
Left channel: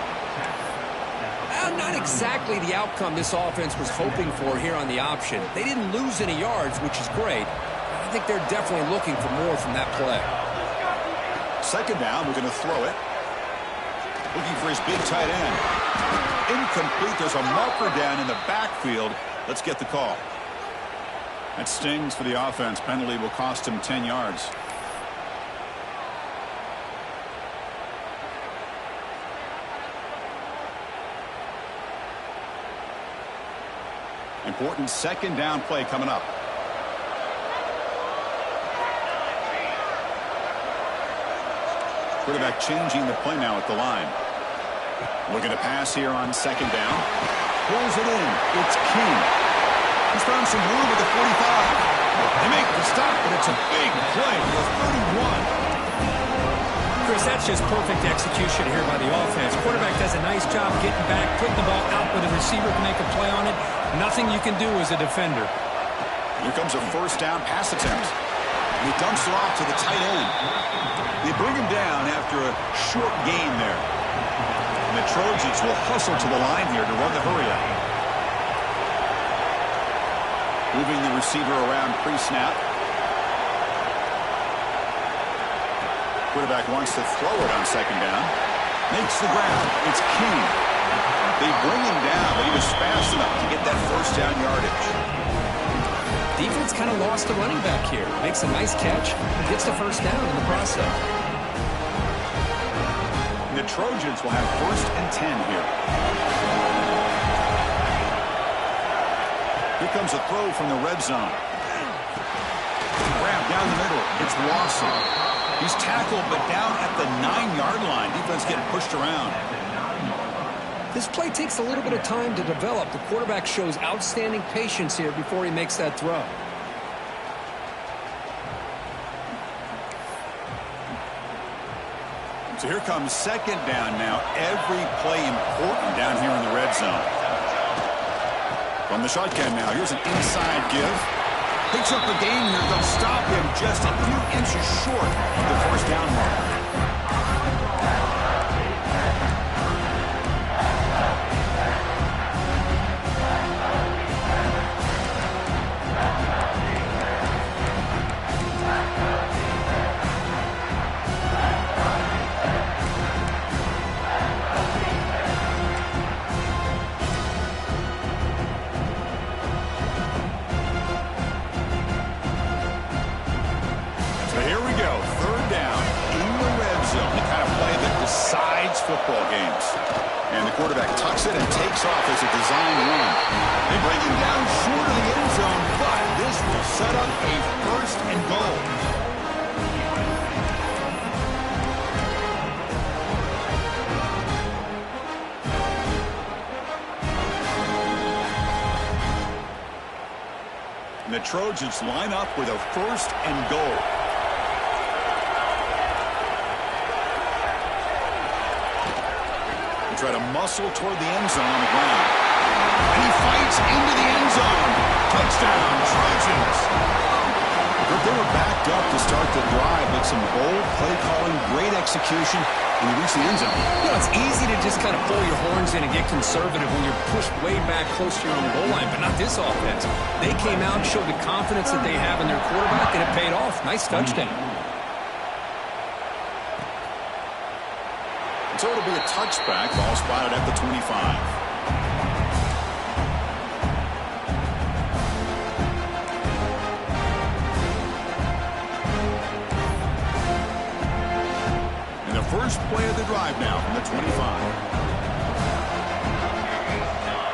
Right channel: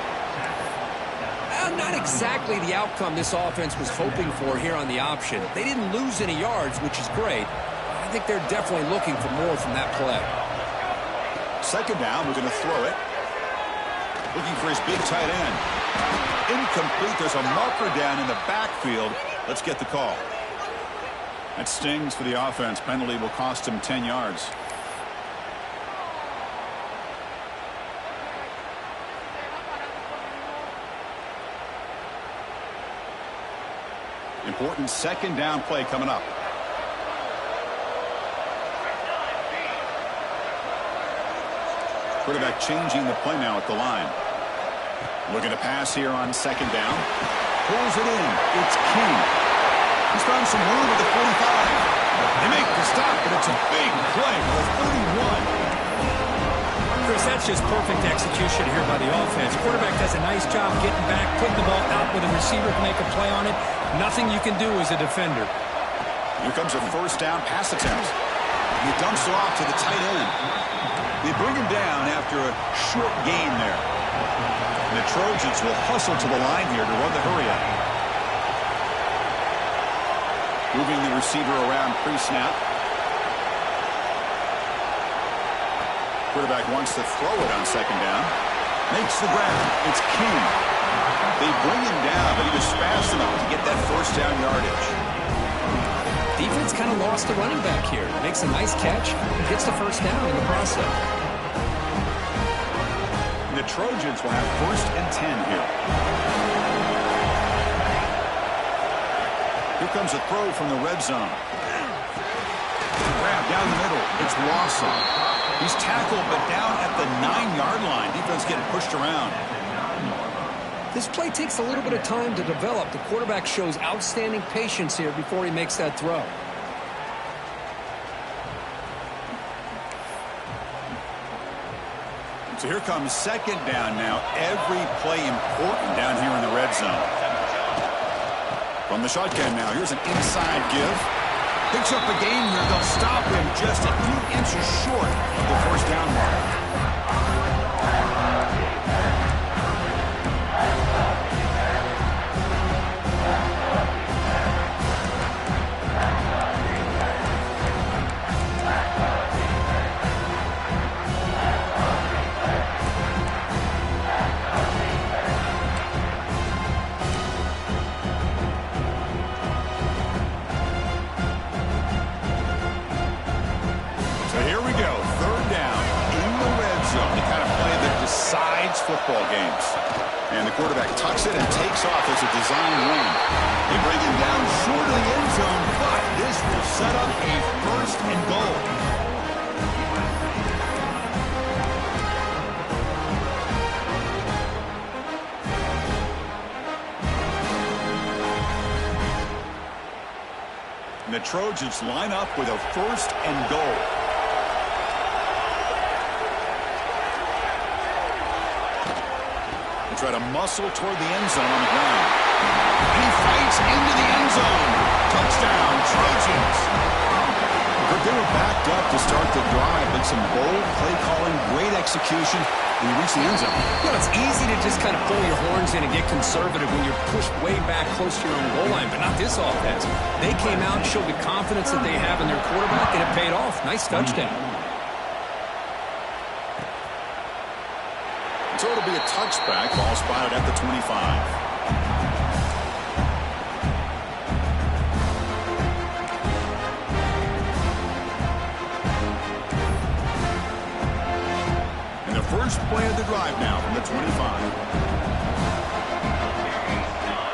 Not exactly the outcome this offense was hoping for here on the option. They didn't lose any yards, which is great. I think they're definitely looking for more from that play. Second down, we're going to throw it. Looking for his big tight end. Incomplete. There's a marker down in the backfield. Let's get the call. That stings for the offense. Penalty will cost him 10 yards. Important second down play coming up. Quarterback changing the play now at the line. Looking to pass here on second down. Pulls it in. It's King. He's found some room at the 45. They make the stop, but it's a big play for the 31. Chris, that's just perfect execution here by the offense. Quarterback does a nice job getting back, putting the ball out where the receiver can make a play on it. Nothing you can do as a defender. Here comes a first down pass attempt. He dumps it off to the tight end. They bring him down after a short gain there. And the Trojans will hustle to the line here to run the hurry up. Moving the receiver around pre-snap. Quarterback wants to throw it on second down. Makes the grab. It's King. They bring him down, but he was fast enough to get that first down yardage. Defense kind of lost the running back here. Makes a nice catch and gets the first down in the process. And the Trojans will have first and 10 here. Here comes a throw from the red zone. Grab down the middle. It's Lawson. He's tackled, but down at the 9-yard line. Defense getting pushed around. This play takes a little bit of time to develop. The quarterback shows outstanding patience here before he makes that throw. So here comes second down now. Every play important down here in the red zone. From the shotgun now, here's an inside give. Picks up a gain here. They'll stop him just a few inches short of the first down mark. Here we go, third down in the red zone. The kind of play that decides football games. And the quarterback tucks it and takes off as a design run. They bring him down short of the end zone, but this will set up a first and goal. And the Trojans line up with a 1st and goal. They try to muscle toward the end zone on the ground. And he fights into the end zone. Touchdown, Trojans. They were backed up to start the drive, but some bold play calling, great execution, and they reached the end zone. You know, it's easy to just kind of pull your horns in and get conservative when you're pushed way back close to your own goal line, but not this offense. They came out and showed the confidence that they have in their quarterback, and it paid off. Nice touchdown. So it'll be a touchback. Ball spotted at the 25. First play of the drive now from the 25.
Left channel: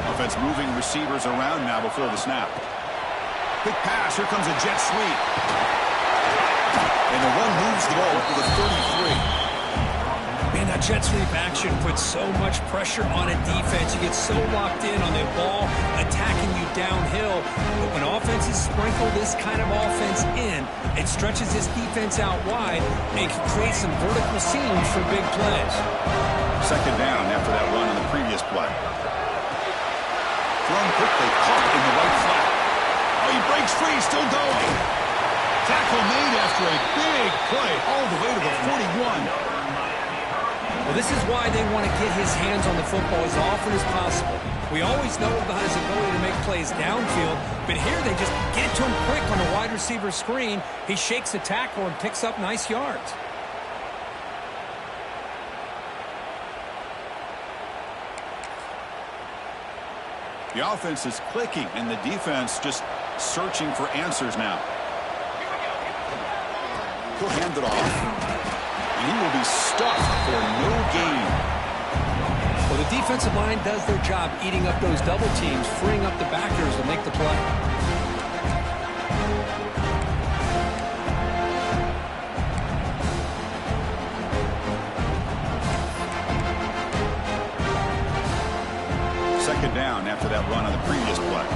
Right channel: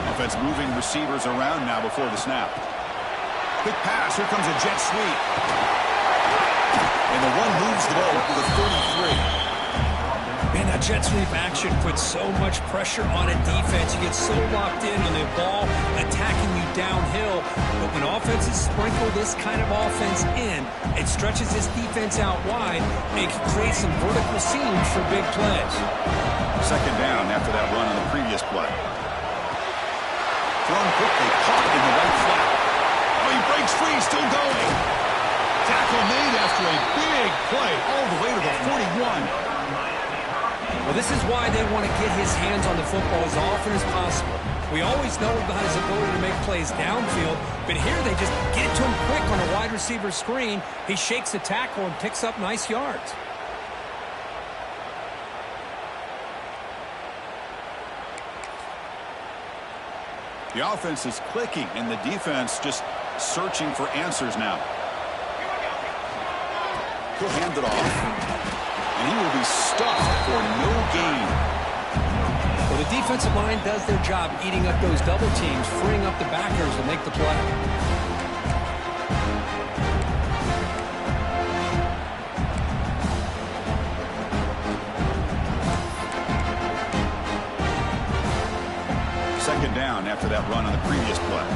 Offense moving receivers around now before the snap. Quick pass. Here comes a jet sweep. And the one moves the ball up to the 33. Man, that jet sweep action puts so much pressure on a defense. You get so locked in on the ball attacking you downhill. But when offenses sprinkle this kind of offense in, it stretches this defense out wide and can create some vertical seams for big plays. 2nd down after that run on the previous play. Thrown quickly, caught in the right flat. Oh, he breaks free, still going. Tackle made after a big play all the way to the 41. Well, this is why they want to get his hands on the football as often as possible. We always know about his ability to make plays downfield, but here they just get to him quick on the wide receiver screen. He shakes the tackle and picks up nice yards. The offense is clicking, and the defense just searching for answers now. He'll hand it off. And he will be stuffed for no gain. Well, the defensive line does their job eating up those double teams, freeing up the backers to make the play. Second down after that run on the previous play.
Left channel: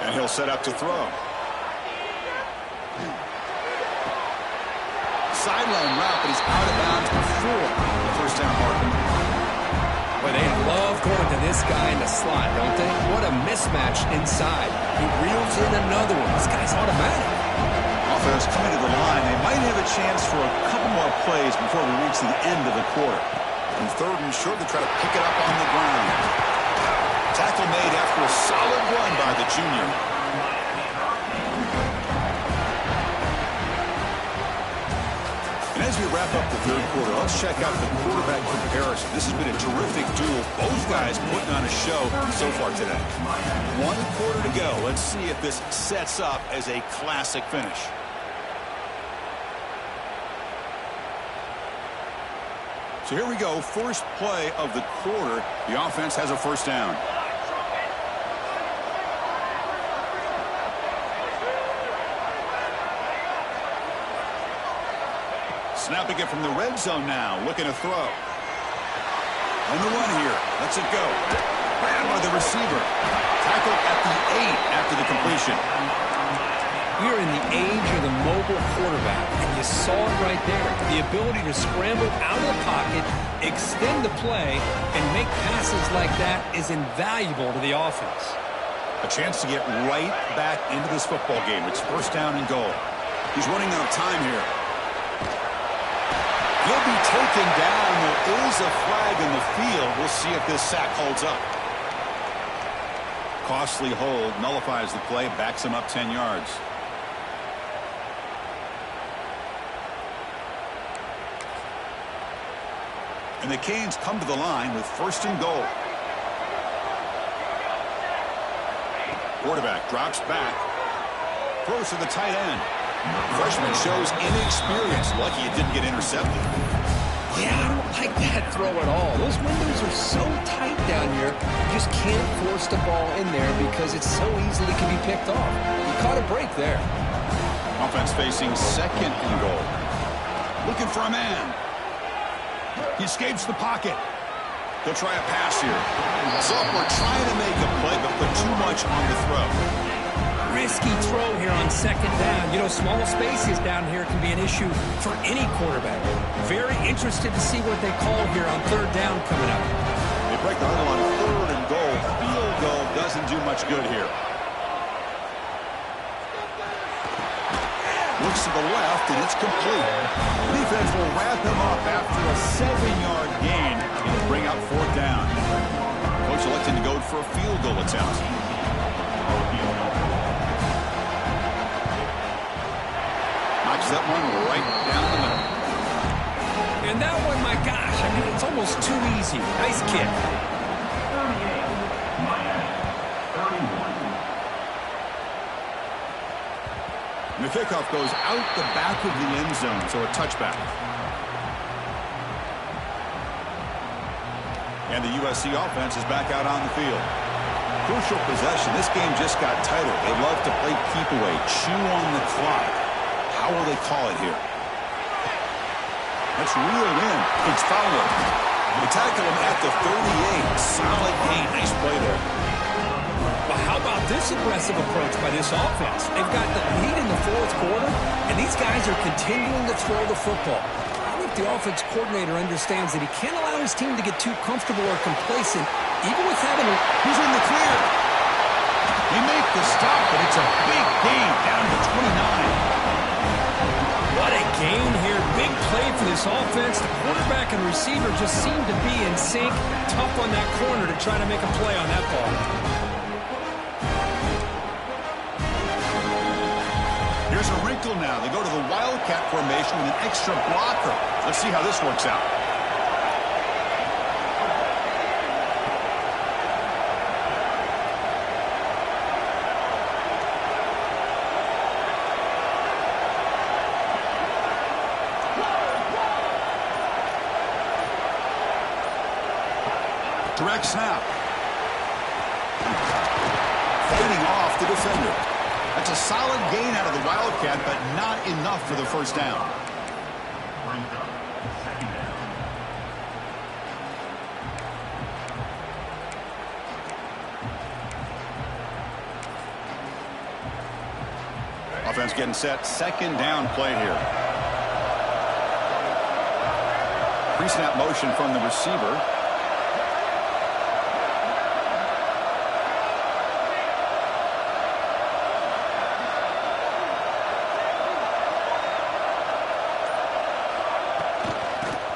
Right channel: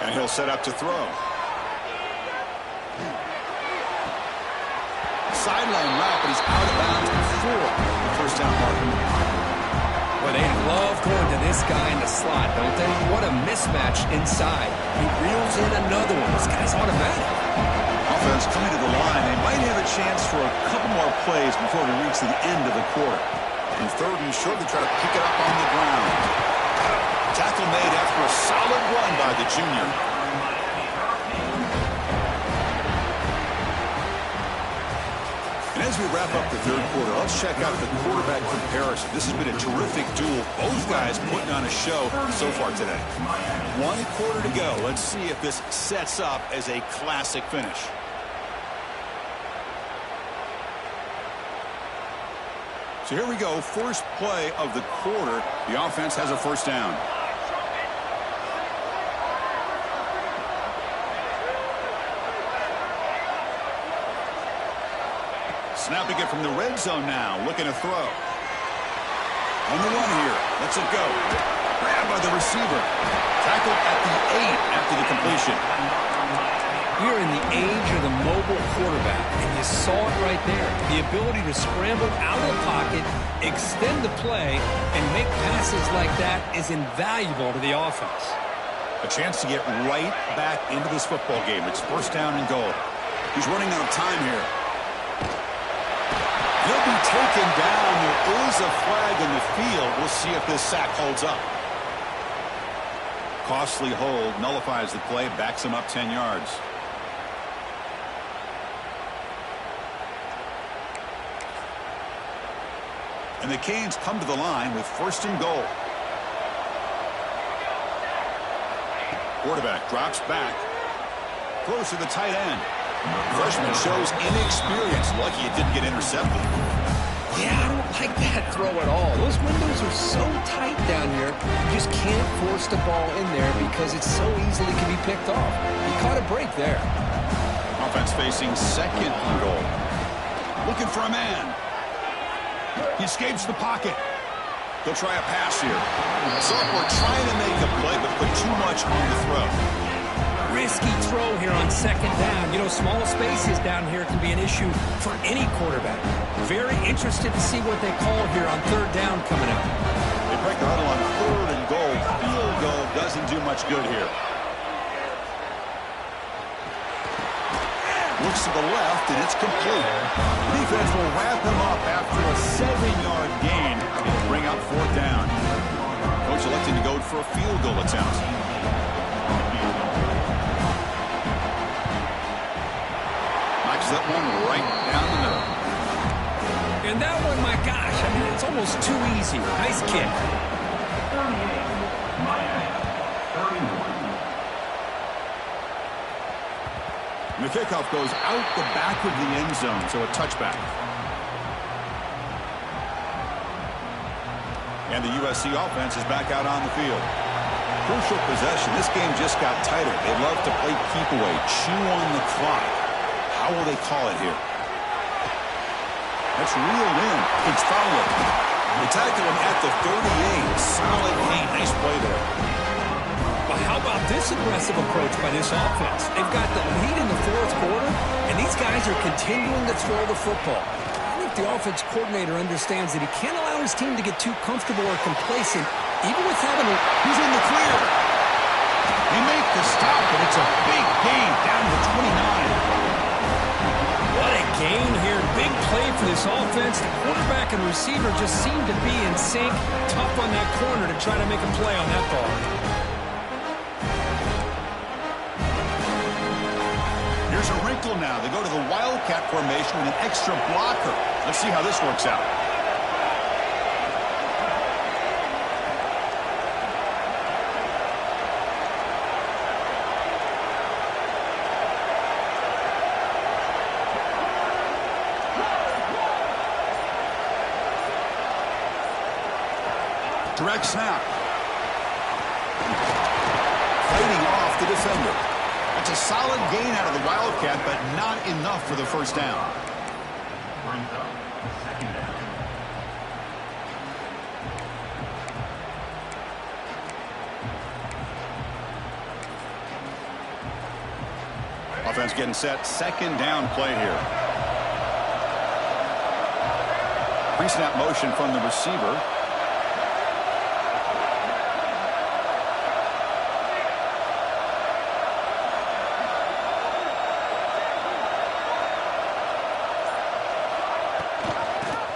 And he'll set up to throw. Sideline route, but he's out of bounds before the 1st down marker. Well, they love going to this guy in the slot, don't they? What a mismatch inside. He reels in another one. This guy's automatic. Offense coming to the line. They might have a chance for a couple more plays before we reach the end of the quarter. And 3rd and short, they try to pick it up on the ground. Tackle made after a solid run by the junior. And as we wrap up the 3rd quarter, let's check out the quarterback comparison. This has been a terrific duel. Both guys putting on a show so far today. 1 quarter to go. Let's see if this sets up as a classic finish. So here we go. First play of the quarter. The offense has a 1st down. Snapping it from the red zone now. Looking to throw. On the run here. Lets it go. Grabbed by the receiver. Tackled at the 8 after the completion. We're in the age of the mobile quarterback, and you saw it right there. The ability to scramble out of the pocket, extend the play, and make passes like that is invaluable to the offense. A chance to get right back into this football game. It's 1st down and goal. He's running out of time here. He'll be taken down. There is a flag in the field. We'll see if this sack holds up. Costly hold nullifies the play, backs him up 10 yards. And the Canes come to the line with 1st and goal. Quarterback drops back. Throws to the tight end. Freshman shows inexperience. Lucky it didn't get intercepted. Yeah, I don't like that throw at all. Those windows are so tight down here. You just can't force the ball in there because it so easily can be picked off. He caught a break there. Offense facing 2nd and goal. Looking for a man. He escapes the pocket. They'll try a pass here. Sophomore trying to make a play, but put too much on the throw. Risky throw here on second down. You know, small spaces down here can be an issue for any quarterback. Very interested to see what they call here on third down coming up. They break the huddle on third and goal. Field goal doesn't do much good here. Looks to the left, and it's complete. The defense will wrap him up after a 7-yard gain. It'll bring out fourth down. Coach electing to go for a field goal attempt. Knocks that one right down the middle. And that one, my gosh, I mean, it's almost too easy. Nice kick. 38, Miami, 31. And the kickoff goes out the back of the end zone, so a touchback. And the USC offense is back out on the field. Crucial possession. This game just got tighter. They love to play keep away, chew on the clock. How will they call it here? That's reeled in. It's Fowler. They tackle him at the 38. Solid gain. Nice play there. But how about this aggressive approach by this offense? They've got the lead in the fourth quarter, and these guys are continuing to throw the football. I think the offense coordinator understands that he can't allow his team to get too comfortable or complacent, even with having a... Who's in the clear? They make the stop, but it's a big gain down to 29. What a gain here. Big play for this offense. The quarterback and receiver just seem to be in sync. Tough on that corner to try to make a play on that ball. Here's a wrinkle now. They go to the Wildcat formation with an extra blocker. Let's see how this works out. Direct snap. Fighting off the defender. That's a solid gain out of the Wildcat, but not enough for the first down. Brings up second down. Offense getting set. Second down play here. Pre-snap motion from the receiver.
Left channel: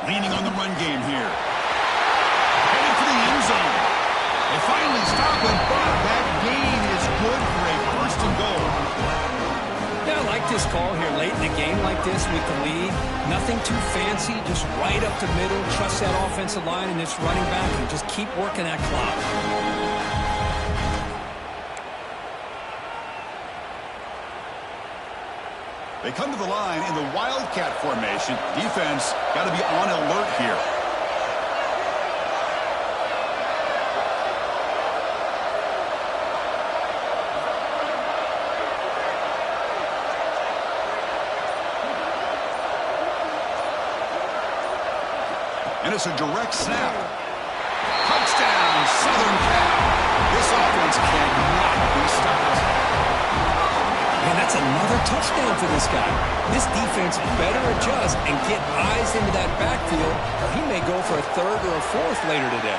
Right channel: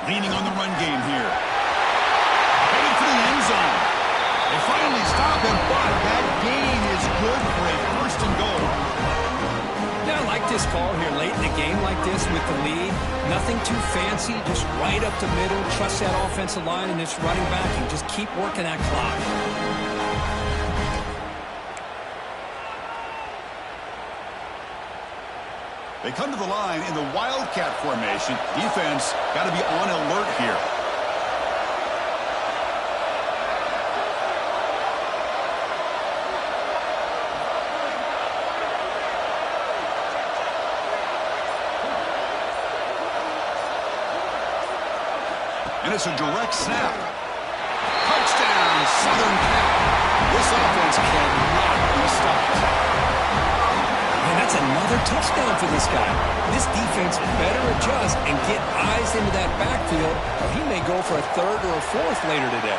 Leaning on the run game here. Headed for the end zone. They finally stop him, but that gain is good for a first and goal. Yeah, I like this call here late in the game like this with the lead. Nothing too fancy, just right up the middle. Trust that offensive line and this running back and just keep working that clock. They come to the line in the Wildcat formation. Defense got to be on alert here. And it's a direct snap. Touchdown, Southern Cal. This offense cannot be stopped. Man, that's another touchdown for this guy. This defense better adjust and get eyes into that backfield, or he may go for a third or a fourth later today.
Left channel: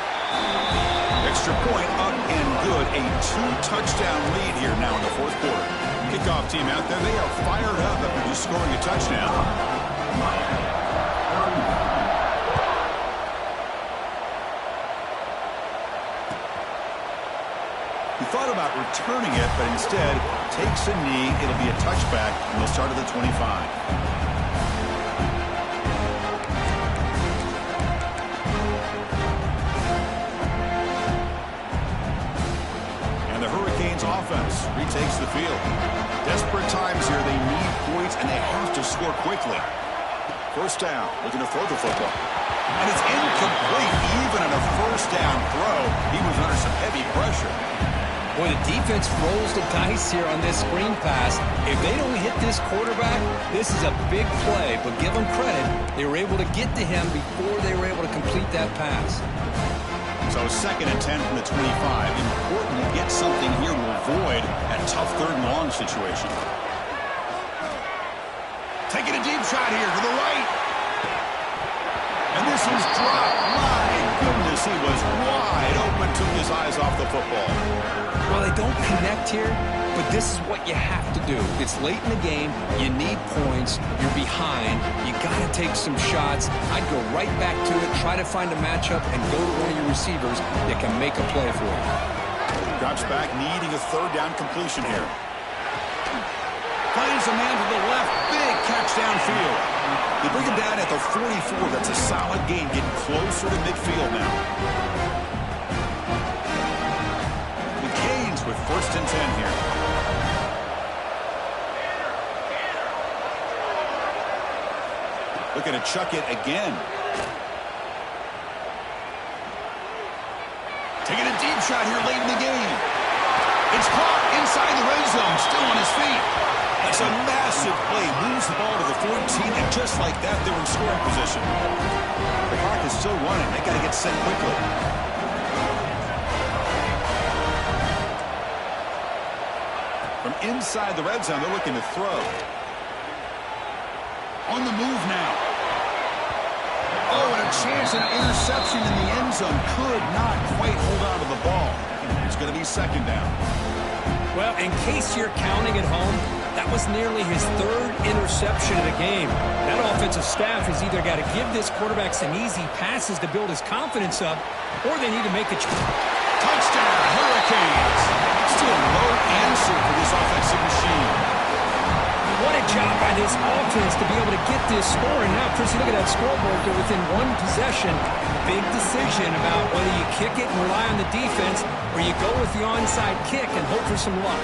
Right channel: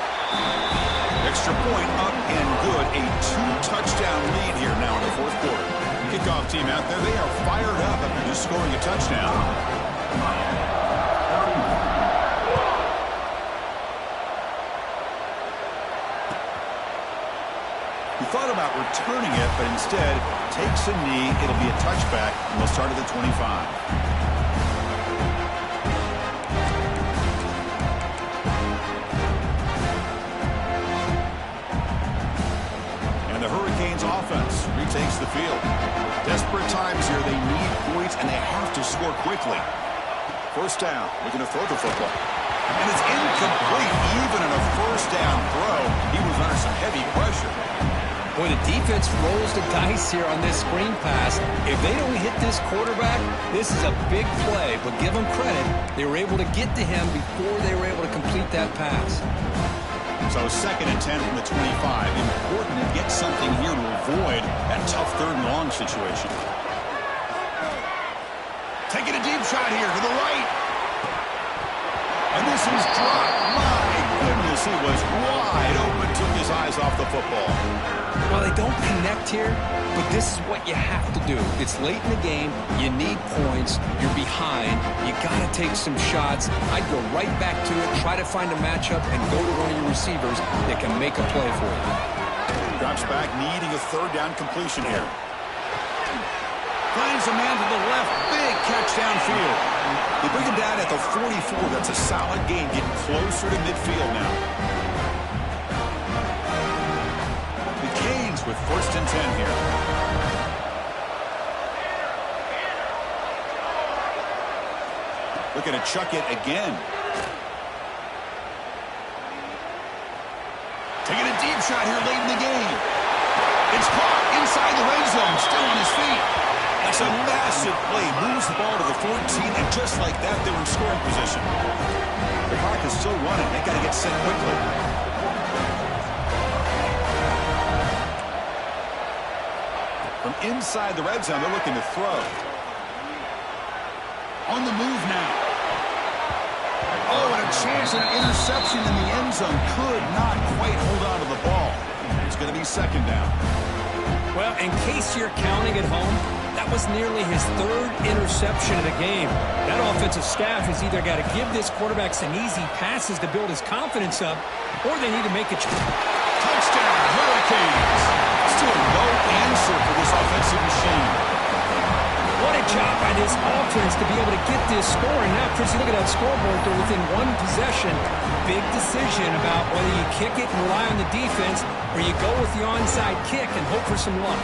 Extra point up and good. A 2-touchdown lead here now in the fourth quarter. Kickoff team out there, they are fired up after just scoring a touchdown. Miami, 31. He thought about returning it, but instead takes a knee. It'll be a touchback, and they'll start at the 25. And the Hurricanes offense retakes the field. Desperate times here. They need points, and they have to score quickly. First down, looking to throw the football. And it's incomplete. Even on a first down throw, he was under some heavy pressure. Boy, the defense rolls the dice here on this screen pass. If they don't hit this quarterback, this is a big play. But give them credit, they were able to get to him before they were able to complete that pass. So 2nd and 10 from the 25. Important to get something here to avoid that tough 3rd and long situation. Taking a deep shot here to the right. And this is dropped. My goodness, he was wide open, took his eyes off the football. Well, they don't connect here, but this is what you have to do. It's late in the game. You need points. You're behind. You got to take some shots. I'd go right back to it, try to find a matchup, and go to one of your receivers that can make a play for you. Drops back, needing a 3rd down completion here. Finds a man to the left. Big catch downfield. They bring him down at the 44. That's a solid gain, getting closer to midfield now. The Canes with 1st and 10 here. Looking to chuck it again. Taking a deep shot here late in the game. It's caught inside the red zone, still on his feet. That's a massive play. Moves the ball to the 14, and just like that, they're in scoring position. The clock is still running. They got to get set quickly. From inside the red zone, they're looking to throw. On the move now. Oh, and a chance at an interception in the end zone. Could not quite hold on to the ball. It's going to be 2nd down. Well, in case you're counting at home, that was nearly his 3rd interception of the game. That offensive staff has either got to give this quarterback some easy passes to build his confidence up, or they need to make a touchdown, Hurricanes. Still no answer for this offensive machine. What a job by this offense to be able to get this score. And now, Chris, you look at that scoreboard. They're within 1 possession. Big decision about whether you kick it and rely on the defense, or you go with the onside kick and hope for some luck.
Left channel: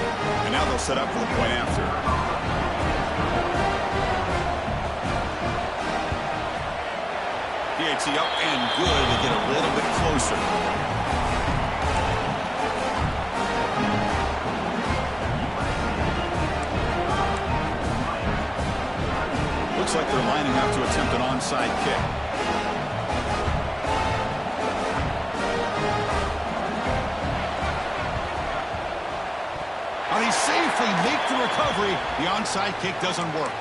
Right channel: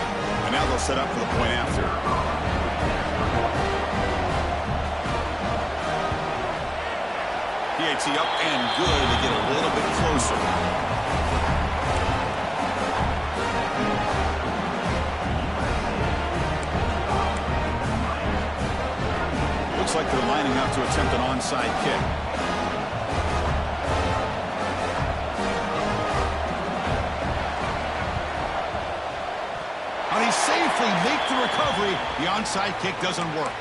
And now they'll set up for the point after. PAT up and good to get a little bit closer. Looks like they're lining up to attempt an onside kick. How they safely make the recovery. The onside kick doesn't work.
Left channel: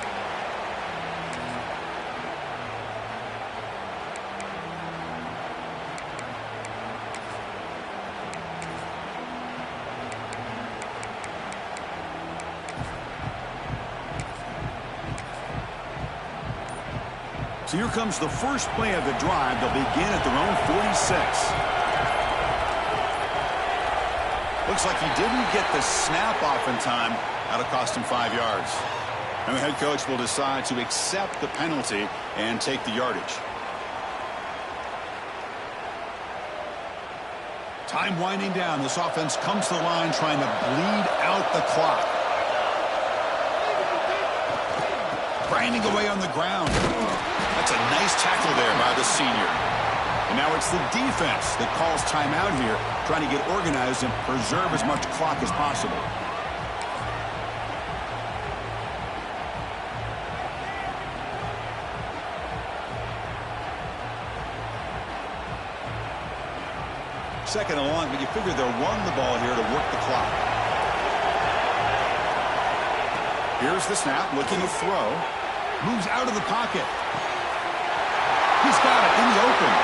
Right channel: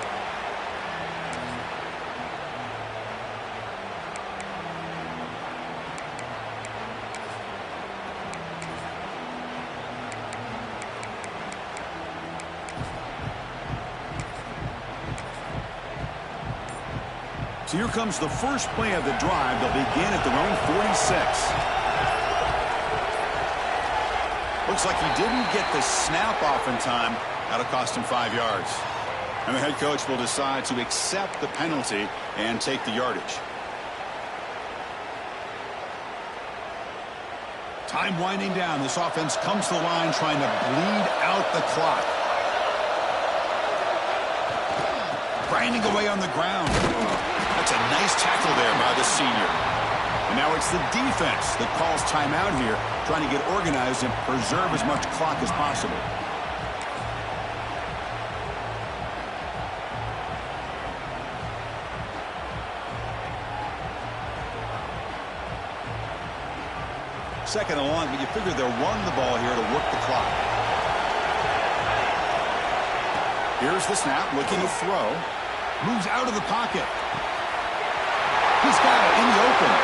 So here comes the first play of the drive. They'll begin at their own 46. Looks like he didn't get the snap off in time. That'll cost him 5 yards. And the head coach will decide to accept the penalty and take the yardage. Time winding down. This offense comes to the line trying to bleed out the clock. Grinding away on the ground. That's a nice tackle there by the senior. And now it's the defense that calls timeout here, trying to get organized and preserve as much clock as possible. Second and long, but you figure they'll run the ball here to work the clock. Here's the snap, looking to throw. Moves out of the pocket. He's got it in the open.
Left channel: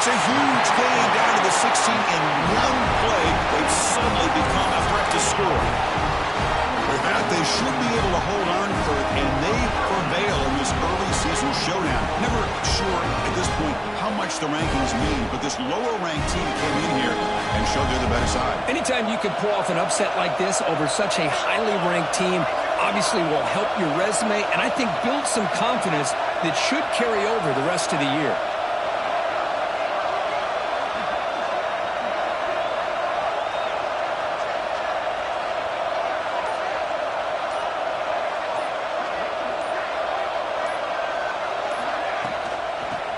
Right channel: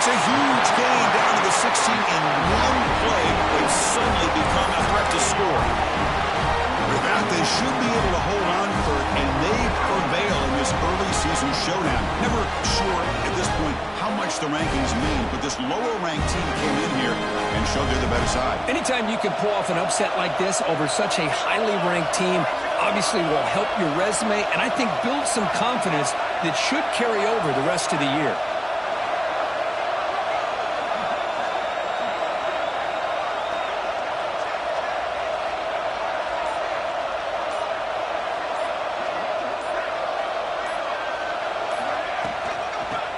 It's a huge gain down to the 16 in one play. They've suddenly become a threat to score. With that, they should be able to hold on, Kurt, and they prevail in this early season showdown. Never sure at this point how much the rankings mean, but this lower-ranked team came in here and showed they're the better side. Anytime you can pull off an upset like this over such a highly ranked team, obviously will help your resume, and I think build some confidence that should carry over the rest of the year.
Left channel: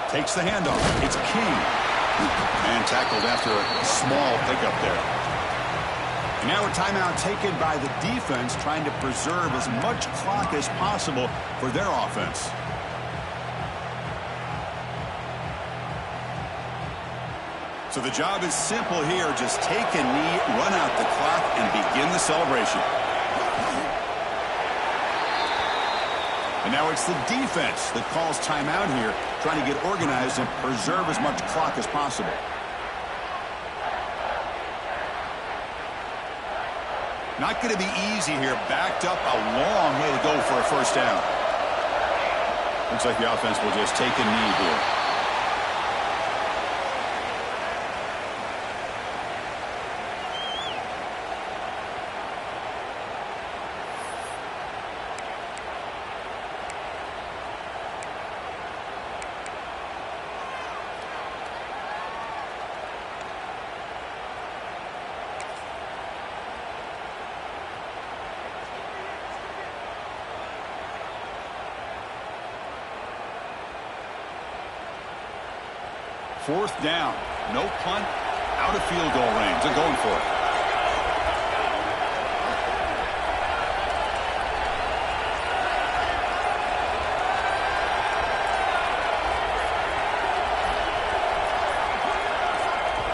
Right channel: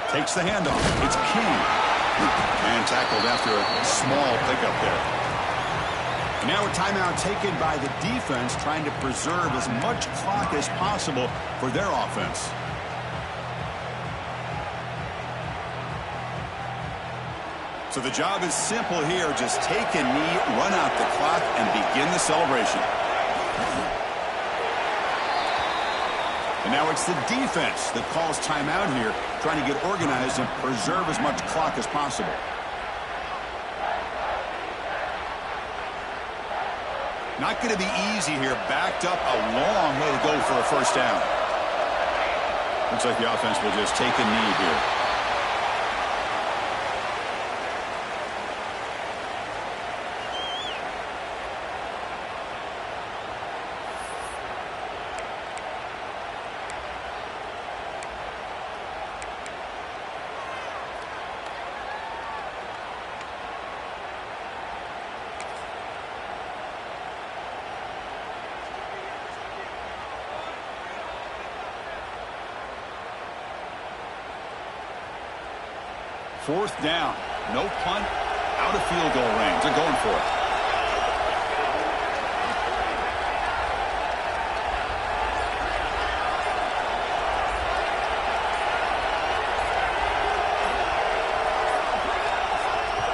Takes the handoff. It's King. And tackled after a small pickup there. And now a timeout taken by the defense, trying to preserve as much clock as possible for their offense. So the job is simple here. Just take a knee, run out the clock, and begin the celebration. And now it's the defense that calls timeout here, trying to get organized and preserve as much clock as possible. Not going to be easy here. Backed up a long way to go for a first down. Looks like the offense will just take a knee here. Fourth down, no punt, out of field goal range. They're going for it.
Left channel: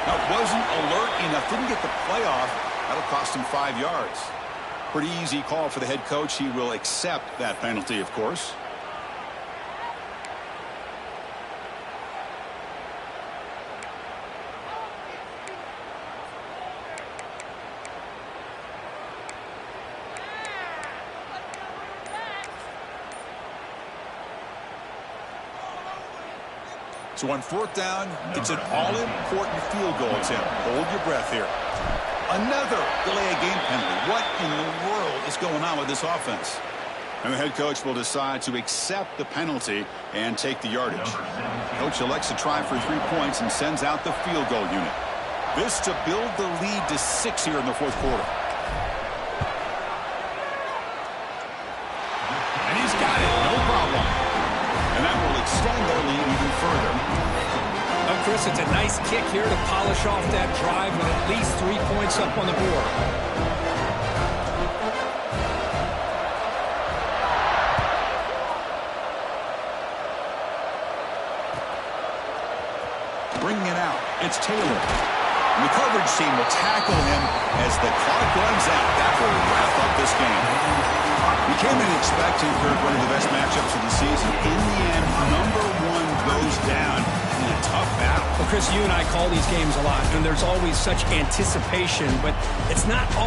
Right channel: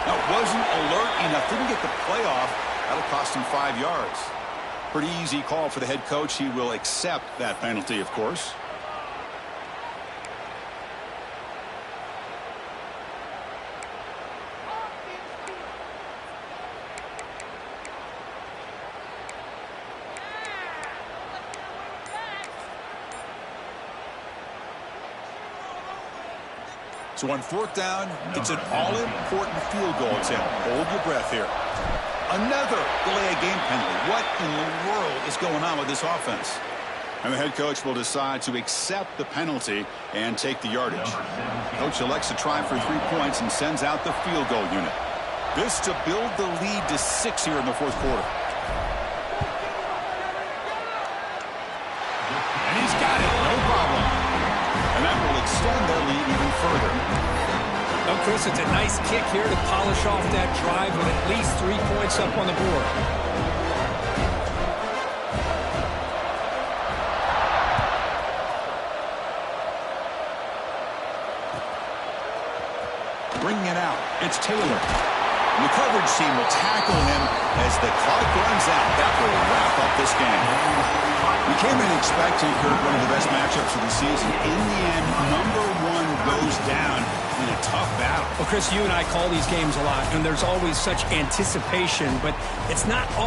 Now, wasn't alert enough, didn't get the play off. That'll cost him 5 yards. Pretty easy call for the head coach. He will accept that penalty, of course. So on fourth down, it's an all-important field goal attempt. Hold your breath here. Another delay of game penalty. What in the world is going on with this offense? And the head coach will decide to accept the penalty and take the yardage. Coach elects to try for 3 points and sends out the field goal unit. This to build the lead to 6 here in the fourth quarter. And he's got it, no problem. And that will extend their lead even further. Well, Chris, it's a nice kick here to polish off that drive with at least 3 points up on the board. Bringing it out, it's Taylor. And the coverage team will tackle him as the clock runs out. That will wrap up this game. We came in expecting, Kirk, one of the best matchups of the season. In the end, number one goes down in a tough battle. Well, Chris, you and I call these games a lot, and there's always such anticipation, but it's not all